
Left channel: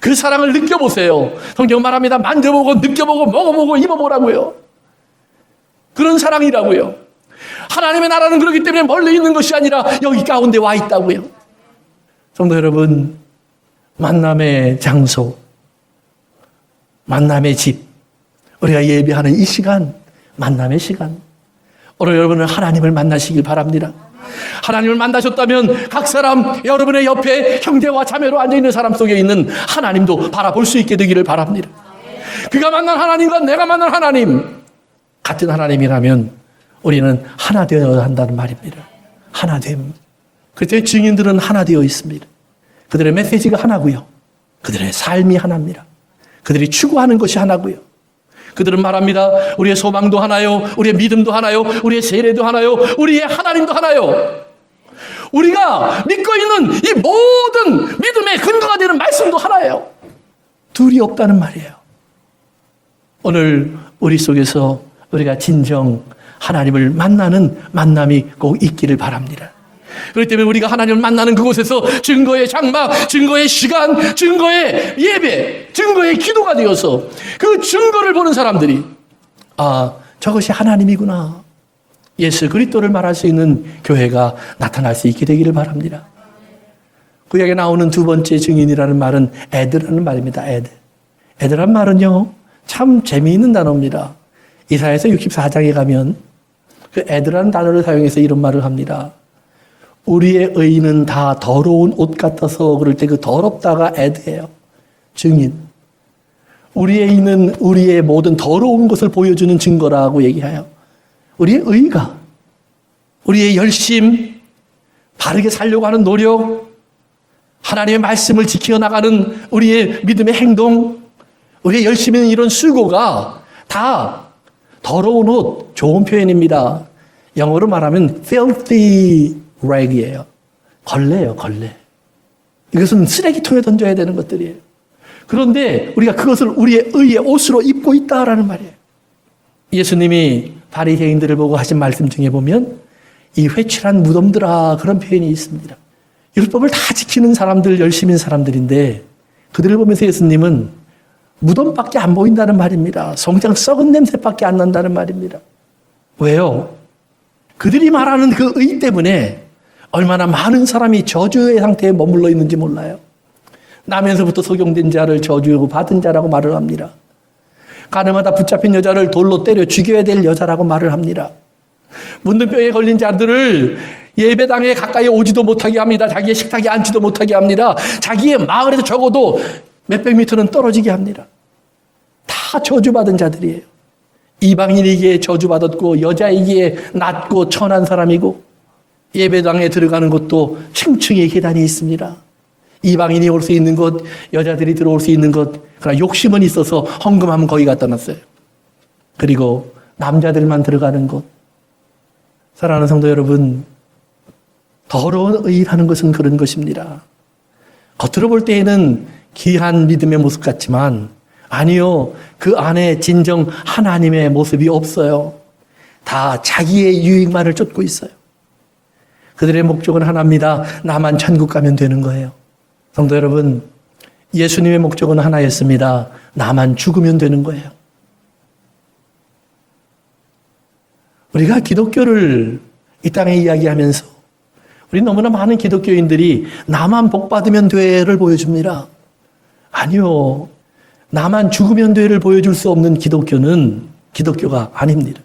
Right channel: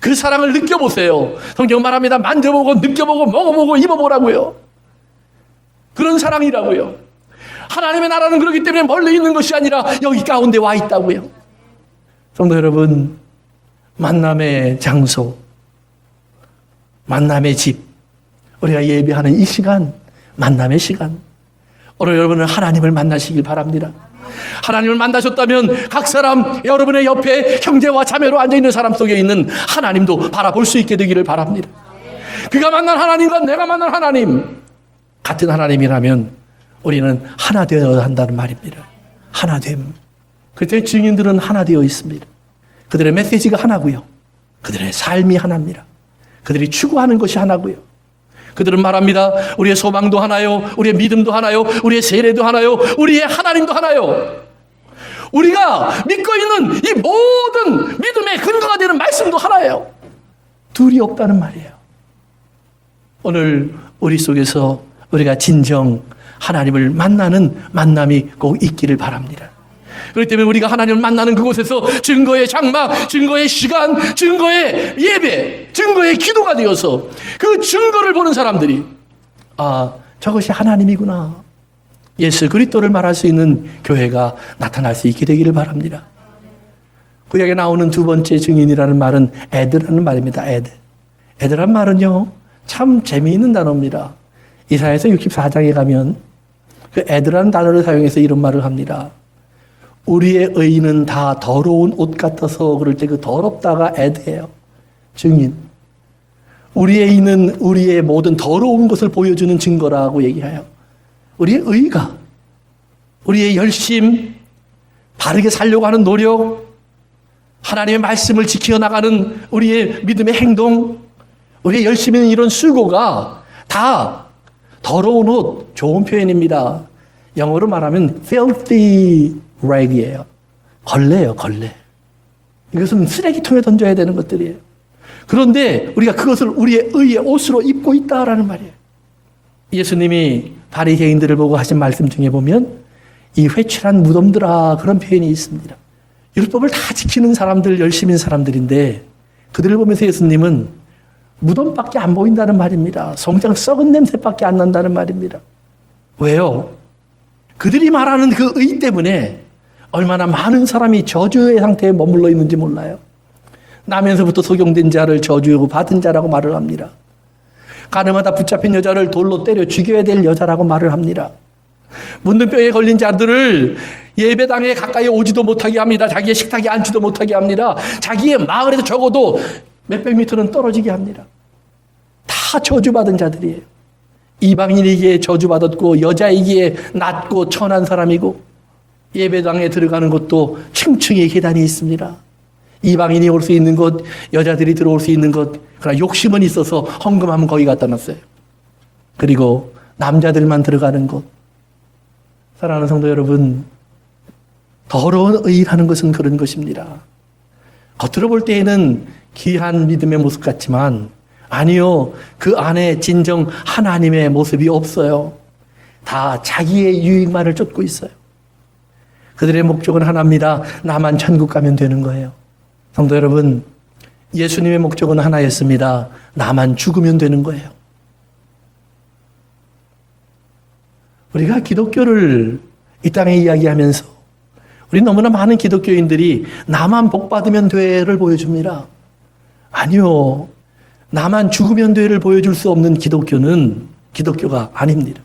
그 사랑을 느껴보세요. 성경 말합니다. 만져보고 느껴보고 먹어보고 입어보라고요. 그런 사랑이라고요. 하나님의 나라는 그렇기 때문에 멀리 있는 것이 아니라 여기 가운데 와 있다고요. 성도 여러분, 만남의 장소, 만남의 집, 우리가 예배하는 이 시간, 만남의 시간, 오늘 여러분은 하나님을 만나시길 바랍니다. 하나님을 만나셨다면 각 사람, 여러분의 옆에 형제와 자매로 앉아있는 사람 속에 있는 하나님도 바라볼 수 있게 되기를 바랍니다. 그가 만난 하나님과 내가 만난 하나님, 같은 하나님이라면 우리는 하나 되어야 한다는 말입니다. 하나됨. 그때 증인들은 하나 되어 있습니다. 그들의 메시지가 하나고요. 그들의 삶이 하나입니다. 그들이 추구하는 것이 하나고요. 그들은 말합니다. 우리의 소망도 하나요. 우리의 믿음도 하나요. 우리의 세례도 하나요. 우리의 하나님도 하나요. 우리가 믿고 있는 이 모든 믿음의 근거가 되는 말씀도 하나예요. 둘이 없다는 말이에요. 오늘 우리 속에서 우리가 진정 하나님을 만나는 만남이 꼭 있기를 바랍니다. 그렇기 때문에 우리가 하나님을 만나는 그곳에서 증거의 장막, 증거의 시간, 증거의 예배, 증거의 기도가 되어서 그 증거를 보는 사람들이 저것이 하나님이구나. 예수 그리스도를 말할 수 있는 교회가 나타날 수 있게 되기를 바랍니다. 구약에 나오는 두 번째 증인이라는 말은 에드라는 말입니다. 에드란 말은요, 참 재미있는 단어입니다. 이사야서 64장에 가면 그 에드라는 단어를 사용해서 이런 말을 합니다. 우리의 의는 다 더러운 옷 같아서 그럴 때 그 더럽다가 에드예요. 증인. 우리의 의는 우리의 모든 더러운 것을 보여주는 증거라고 얘기해요. 우리의 의가, 우리의 열심, 바르게 살려고 하는 노력, 하나님의 말씀을 지켜나가는 우리의 믿음의 행동, 우리의 열심히 이룬 수고가 다 더러운 옷, 좋은 표현입니다. 영어로 말하면 filthy rag이에요. 걸레예요, 걸레. 이것은 쓰레기통에 던져야 되는 것들이에요. 그런데 우리가 그것을 우리의 의의 옷으로 입고 있다라는 말이에요. 예수님이 바리새인들을 보고 하신 말씀 중에 보면 이 회칠한 무덤들아 그런 표현이 있습니다. 율법을 다 지키는 사람들, 열심인 사람들인데 그들을 보면서 예수님은 무덤밖에 안 보인다는 말입니다. 성장 썩은 냄새밖에 안 난다는 말입니다. 왜요? 그들이 말하는 그 의 때문에 얼마나 많은 사람이 저주의 상태에 머물러 있는지 몰라요. 나면서부터 소경된 자를 저주하고 받은 자라고 말을 합니다. 가늠하다 붙잡힌 여자를 돌로 때려 죽여야 될 여자라고 말을 합니다. 문둥병에 걸린 자들을 예배당에 가까이 오지도 못하게 합니다. 자기의 식탁에 앉지도 못하게 합니다. 자기의 마을에서 적어도 몇백 미터는 떨어지게 합니다. 다 저주받은 자들이에요. 이방인에게 저주받았고 여자이기에 낮고 천한 사람이고 예배당에 들어가는 것도 층층이 계단이 있습니다. 이방인이 올 수 있는 곳, 여자들이 들어올 수 있는 곳, 그러나 욕심은 있어서 헌금하면 거기 갖다 놨어요. 그리고 남자들만 들어가는 곳. 사랑하는 성도 여러분, 더러운 의라는 것은 그런 것입니다. 겉으로 볼 때에는 귀한 믿음의 모습 같지만 아니요, 그 안에 진정 하나님의 모습이 없어요. 다 자기의 유익만을 쫓고 있어요. 그들의 목적은 하나입니다. 나만 천국 가면 되는 거예요. 성도 여러분, 예수님의 목적은 하나였습니다. 나만 죽으면 되는 거예요. 우리가 기독교를 이 땅에 이야기하면서 우리 너무나 많은 기독교인들이 나만 복 받으면 돼를 보여줍니다. 아니요. 나만 죽으면 돼를 보여줄 수 없는 기독교는 기독교가 아닙니다.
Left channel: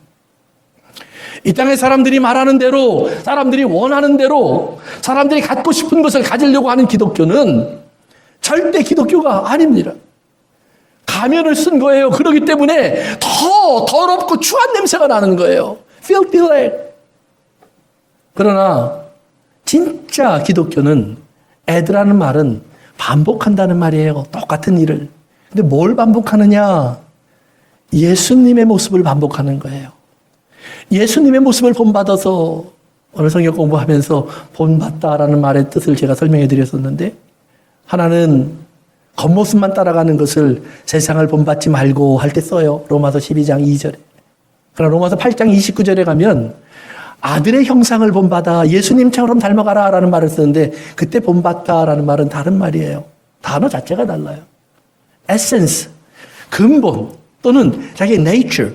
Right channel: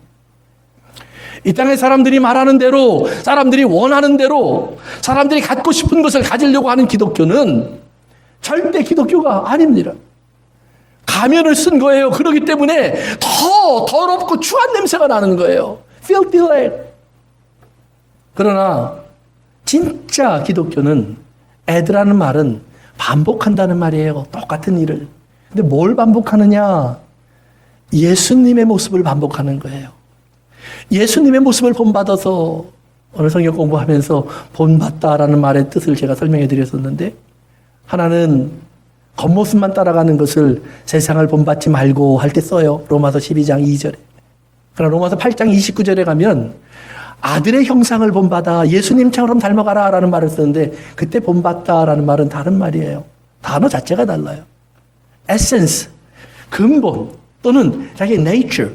이 땅의 사람들이 말하는 대로, 사람들이 원하는 대로, 사람들이 갖고 싶은 것을 가지려고 하는 기독교는 절대 기독교가 아닙니다. 가면을 쓴 거예요. 그렇기 때문에 더 더럽고 추한 냄새가 나는 거예요. filthy. 그러나 진짜 기독교는 애들하는 말은 반복한다는 말이에요. 똑같은 일을. 근데 뭘 반복하느냐? 예수님의 모습을 반복하는 거예요. 예수님의 모습을 본받아서 오늘 성경 공부하면서 본받다라는 말의 뜻을 제가 설명해 드렸었는데 하나는 겉모습만 따라가는 것을 세상을 본받지 말고 할 때 써요. 로마서 12장 2절에. 그러나 로마서 8장 29절에 가면 아들의 형상을 본받아 예수님처럼 닮아가라 라는 말을 쓰는데 그때 본받다라는 말은 다른 말이에요. 단어 자체가 달라요. 에센스, 근본 또는 자기의 nature,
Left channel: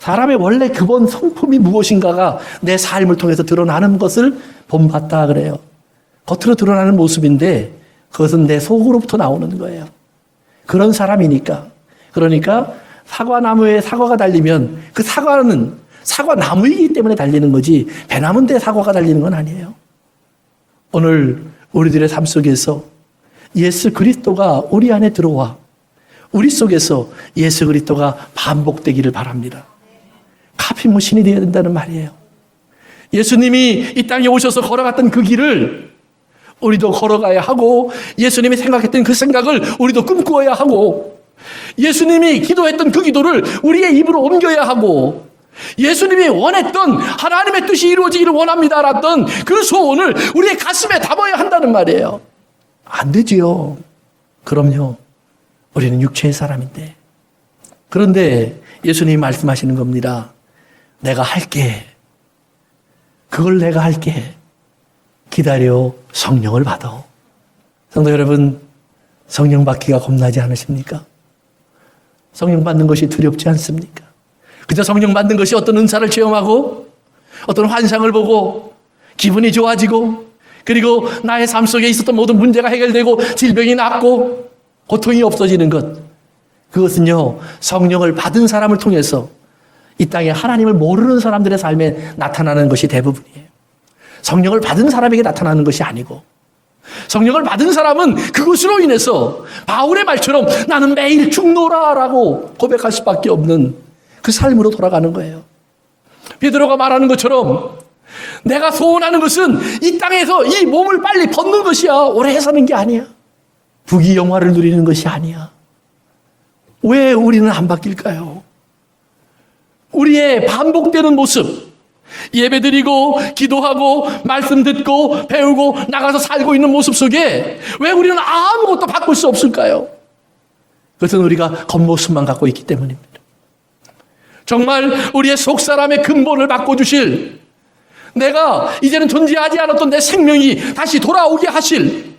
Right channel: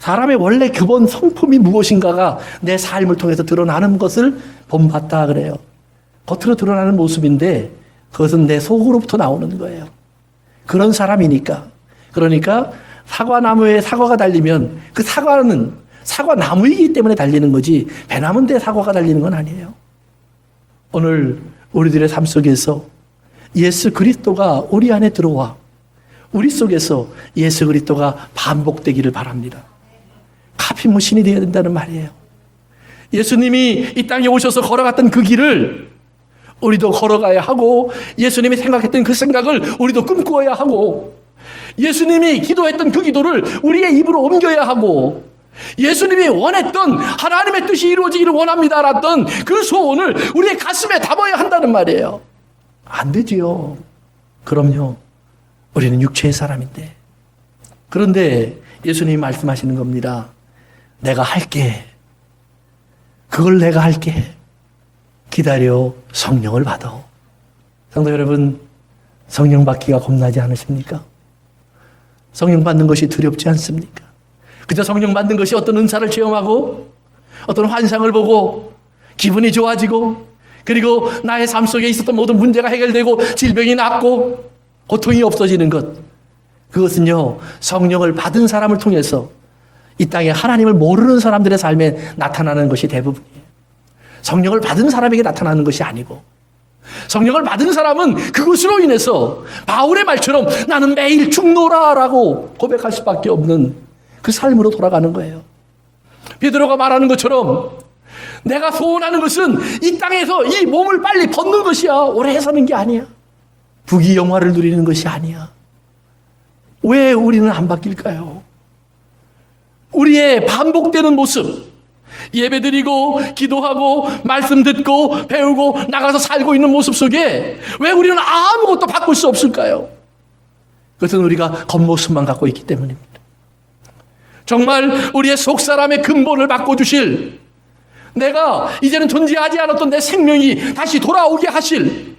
사람의 원래 기본 성품이 무엇인가가 내 삶을 통해서 드러나는 것을 본받다 그래요. 겉으로 드러나는 모습인데 그것은 내 속으로부터 나오는 거예요. 그런 사람이니까. 그러니까 사과나무에 사과가 달리면 그 사과는 사과나무이기 때문에 달리는 거지 배나무인데 사과가 달리는 건 아니에요. 오늘 우리들의 삶 속에서 예수 그리스도가 우리 안에 들어와 우리 속에서 예수 그리스도가 반복되기를 바랍니다. 카피머신이 되어야 된다는 말이에요. 예수님이 이 땅에 오셔서 걸어갔던 그 길을 우리도 걸어가야 하고 예수님이 생각했던 그 생각을 우리도 꿈꾸어야 하고 예수님이 기도했던 그 기도를 우리의 입으로 옮겨야 하고 예수님이 원했던 하나님의 뜻이 이루어지기를 원합니다라던 그 소원을 우리의 가슴에 담아야 한다는 말이에요. 안 되지요. 그럼요. 우리는 육체의 사람인데. 그런데 예수님이 말씀하시는 겁니다. 내가 할게. 그걸 내가 할게. 기다려 성령을 받아. 성도 여러분, 성령 받기가 겁나지 않으십니까? 성령 받는 것이 두렵지 않습니까? 그저 성령 받는 것이 어떤 은사를 체험하고 어떤 환상을 보고 기분이 좋아지고 그리고 나의 삶 속에 있었던 모든 문제가 해결되고 질병이 낫고 고통이 없어지는 것, 그것은요 성령을 받은 사람을 통해서 이 땅에 하나님을 모르는 사람들의 삶에 나타나는 것이 대부분이에요. 성령을 받은 사람에게 나타나는 것이 아니고, 성령을 받은 사람은 그것으로 인해서 바울의 말처럼 나는 매일 죽노라라고 고백할 수밖에 없는 그 삶으로 돌아가는 거예요. 베드로가 말하는 것처럼 내가 소원하는 것은 이 땅에서 이 몸을 빨리 걷는 것이야. 오래 사는 게 아니야. 부귀 영화를 누리는 것이 아니야. 왜 우리는 안 바뀔까요? 우리의 반복되는 모습, 예배드리고 기도하고 말씀 듣고 배우고 나가서 살고 있는 모습 속에 왜 우리는 아무것도 바꿀 수 없을까요? 그것은 우리가 겉모습만 갖고 있기 때문입니다. 정말 우리의 속사람의 근본을 바꿔주실, 내가 이제는 존재하지 않았던 내 생명이 다시 돌아오게 하실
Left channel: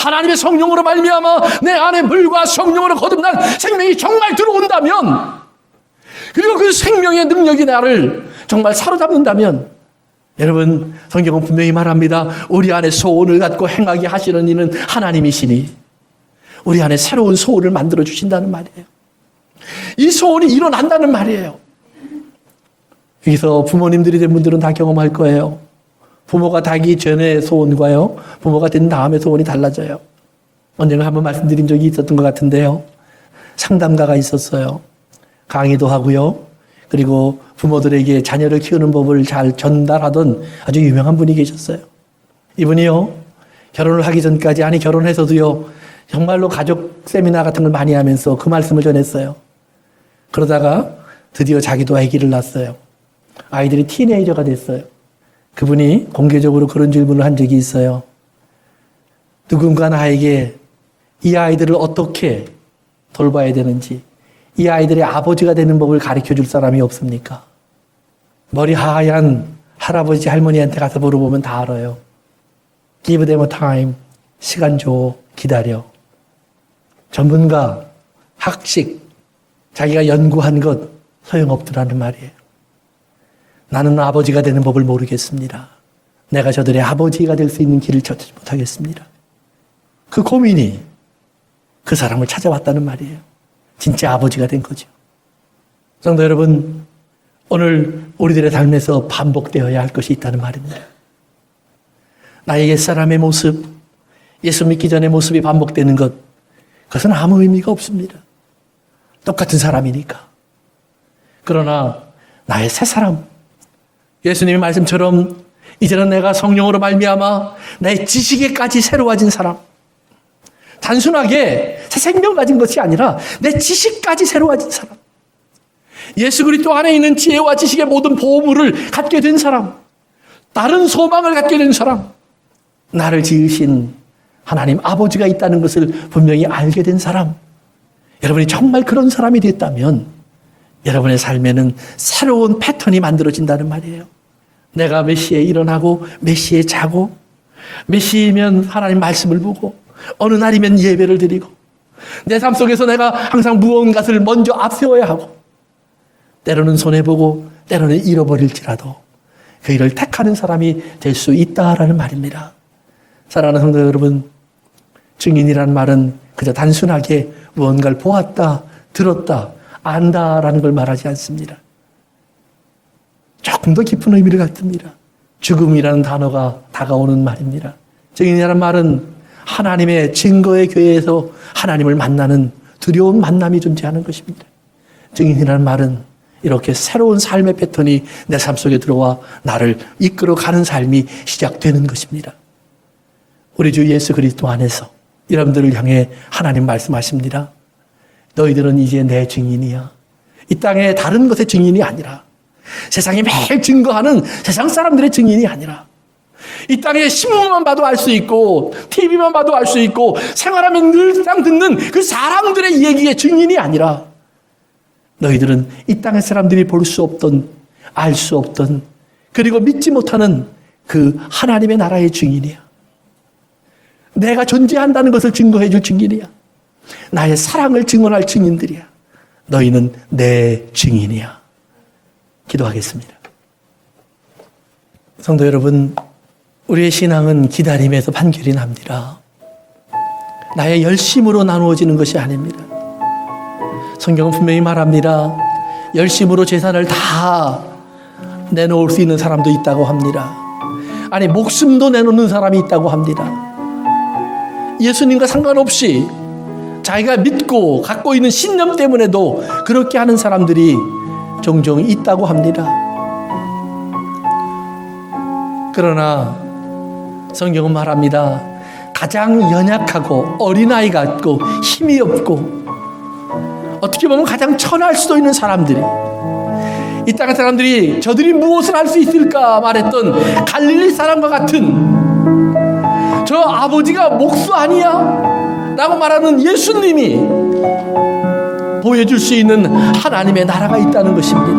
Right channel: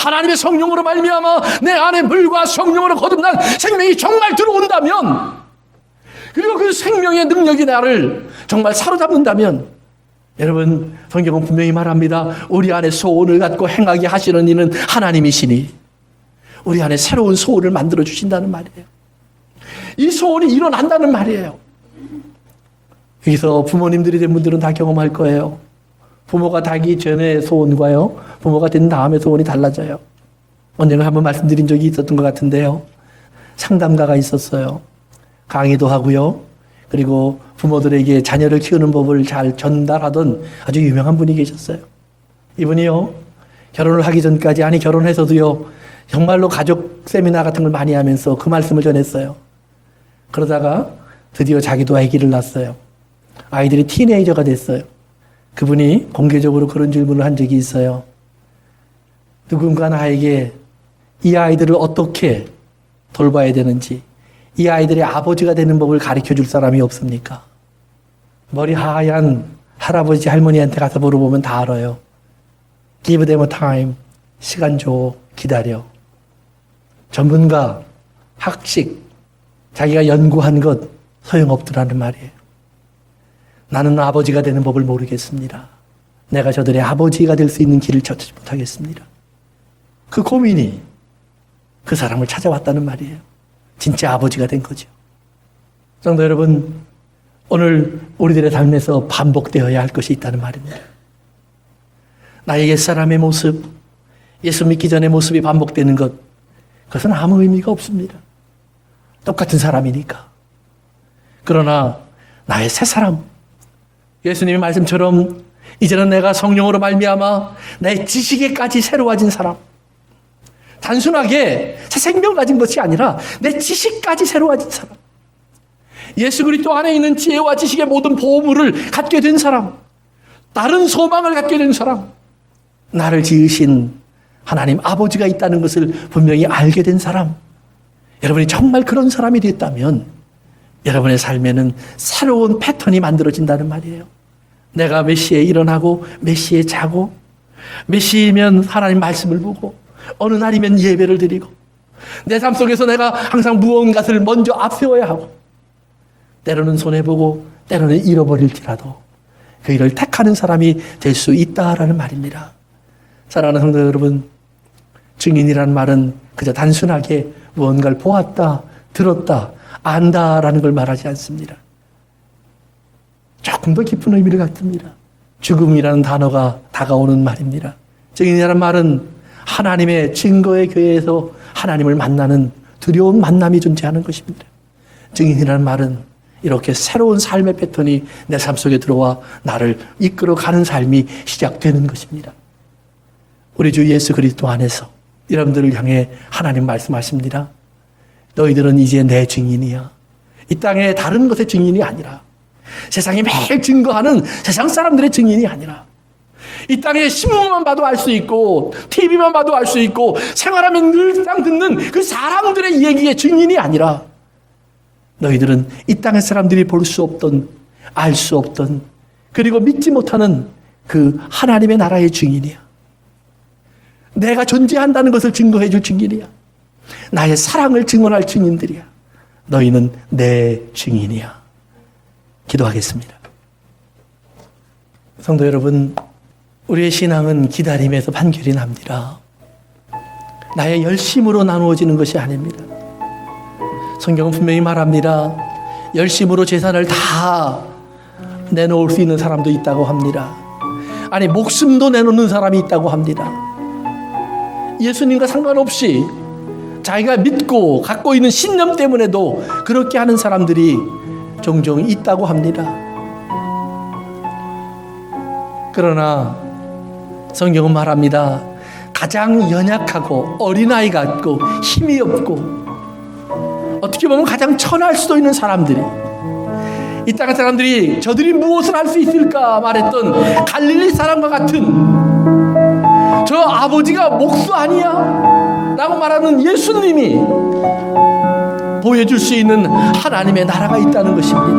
하나님의 성령으로 말미암아 내 안에 불과 성령으로 거듭난 생명이 정말 들어온다면, 그리고 그 생명의 능력이 나를 정말 사로잡는다면, 여러분 성경은 분명히 말합니다. 우리 안에 소원을 갖고 행하게 하시는 이는 하나님이시니 우리 안에 새로운 소원을 만들어 주신다는 말이에요. 이 소원이 일어난다는 말이에요. 여기서 부모님들이 된 분들은 다 경험할 거예요. 부모가 되기 전에 소원과요, 부모가 된 다음에 소원이 달라져요. 언젠가 한번 말씀드린 적이 있었던 것 같은데요. 상담가가 있었어요. 강의도 하고요. 그리고 부모들에게 자녀를 키우는 법을 잘 전달하던 아주 유명한 분이 계셨어요. 이분이요, 결혼을 하기 전까지, 아니 결혼해서도요, 정말로 가족 세미나 같은 걸 많이 하면서 그 말씀을 전했어요. 그러다가 드디어 자기도 아기를 낳았어요. 아이들이 티네이저가 됐어요. 그분이 공개적으로 그런 질문을 한 적이 있어요. 누군가 나에게 이 아이들을 어떻게 돌봐야 되는지, 이 아이들의 아버지가 되는 법을 가르쳐 줄 사람이 없습니까? 머리 하얀 할아버지 할머니한테 가서 물어보면 다 알아요. Give them time. 시간 줘. 기다려. 전문가, 학식, 자기가 연구한 것 소용없더라는 말이에요. 나는 아버지가 되는 법을 모르겠습니다. 내가 저들의 아버지가 될 수 있는 길을 찾지 못하겠습니다. 그 고민이 그 사람을 찾아왔다는 말이에요. 진짜 아버지가 된 거죠. 성도 여러분, 오늘 우리들의 삶에서 반복되어야 할 것이 있다는 말입니다. 나의 옛사람의 모습, 예수 믿기 전의 모습이 반복되는 것, 그것은 아무 의미가 없습니다. 똑같은 사람이니까. 그러나 나의 새 사람, 예수님의 말씀처럼 이제는 내가 성령으로 말미암아 내 지식에까지 새로워진 사람, 단순하게 새 생명 가진 것이 아니라 내 지식까지 새로워진 사람, 예수 그리스도 안에 있는 지혜와 지식의 모든 보물을 갖게 된 사람, 다른 소망을 갖게 된 사람, 나를 지으신 하나님 아버지가 있다는 것을 분명히 알게 된 사람, 여러분이 정말 그런 사람이 됐다면 여러분의 삶에는 새로운 패턴이 만들어진다는 말이에요. 내가 몇 시에 일어나고 몇 시에 자고, 몇 시면 하나님 말씀을 보고, 어느 날이면 예배를 드리고, 내 삶 속에서 내가 항상 무언가를 먼저 앞세워야 하고, 때로는 손해보고 때로는 잃어버릴지라도 그 일을 택하는 사람이 될 수 있다라는 말입니다. 사랑하는 성도 여러분, 증인이라는 말은 그저 단순하게 무언가를 보았다, 들었다, 안다라는 걸 말하지 않습니다. 조금 더 깊은 의미를 갖습니다. 죽음이라는 단어가 다가오는 말입니다. 증인이라는 말은 하나님의 증거의 교회에서 하나님을 만나는 두려운 만남이 존재하는 것입니다. 증인이라는 말은 이렇게 새로운 삶의 패턴이 내 삶 속에 들어와 나를 이끌어가는 삶이 시작되는 것입니다. 우리 주 예수 그리스도 안에서 여러분들을 향해 하나님 말씀하십니다. 너희들은 이제 내 증인이야. 이 땅에 다른 것의 증인이 아니라, 세상이 매일 증거하는 세상 사람들의 증인이 아니라, 이 땅에 신문만 봐도 알 수 있고 TV만 봐도 알 수 있고 생활하면 늘상 듣는 그 사람들의 얘기의 증인이 아니라, 너희들은 이 땅의 사람들이 볼 수 없던, 알 수 없던, 그리고 믿지 못하는 그 하나님의 나라의 증인이야. 내가 존재한다는 것을 증거해 줄 증인이야. 나의 사랑을 증언할 증인들이야. 너희는 내 증인이야. 기도하겠습니다. 성도 여러분, 우리의 신앙은 기다림에서 판결이 납니다. 나의 열심으로 나누어지는 것이 아닙니다. 성경은 분명히 말합니다. 열심으로 재산을 다 내놓을 수 있는 사람도 있다고 합니다. 아니, 목숨도 내놓는 사람이 있다고 합니다. 예수님과 상관없이 자기가 믿고 갖고 있는 신념 때문에도 그렇게 하는 사람들이 종종 있다고 합니다. 그러나 성경은 말합니다. 가장 연약하고 어린아이 같고 힘이 없고 어떻게 보면 가장 천할 수도 있는 사람들이, 이 땅의 사람들이 저들이 무엇을 할 수 있을까 말했던 갈릴리 사람과 같은 저 아버지가 목수 아니야? 라고 말하는 예수님이 보여줄 수 있는 하나님의 나라가 있다는 것입니다.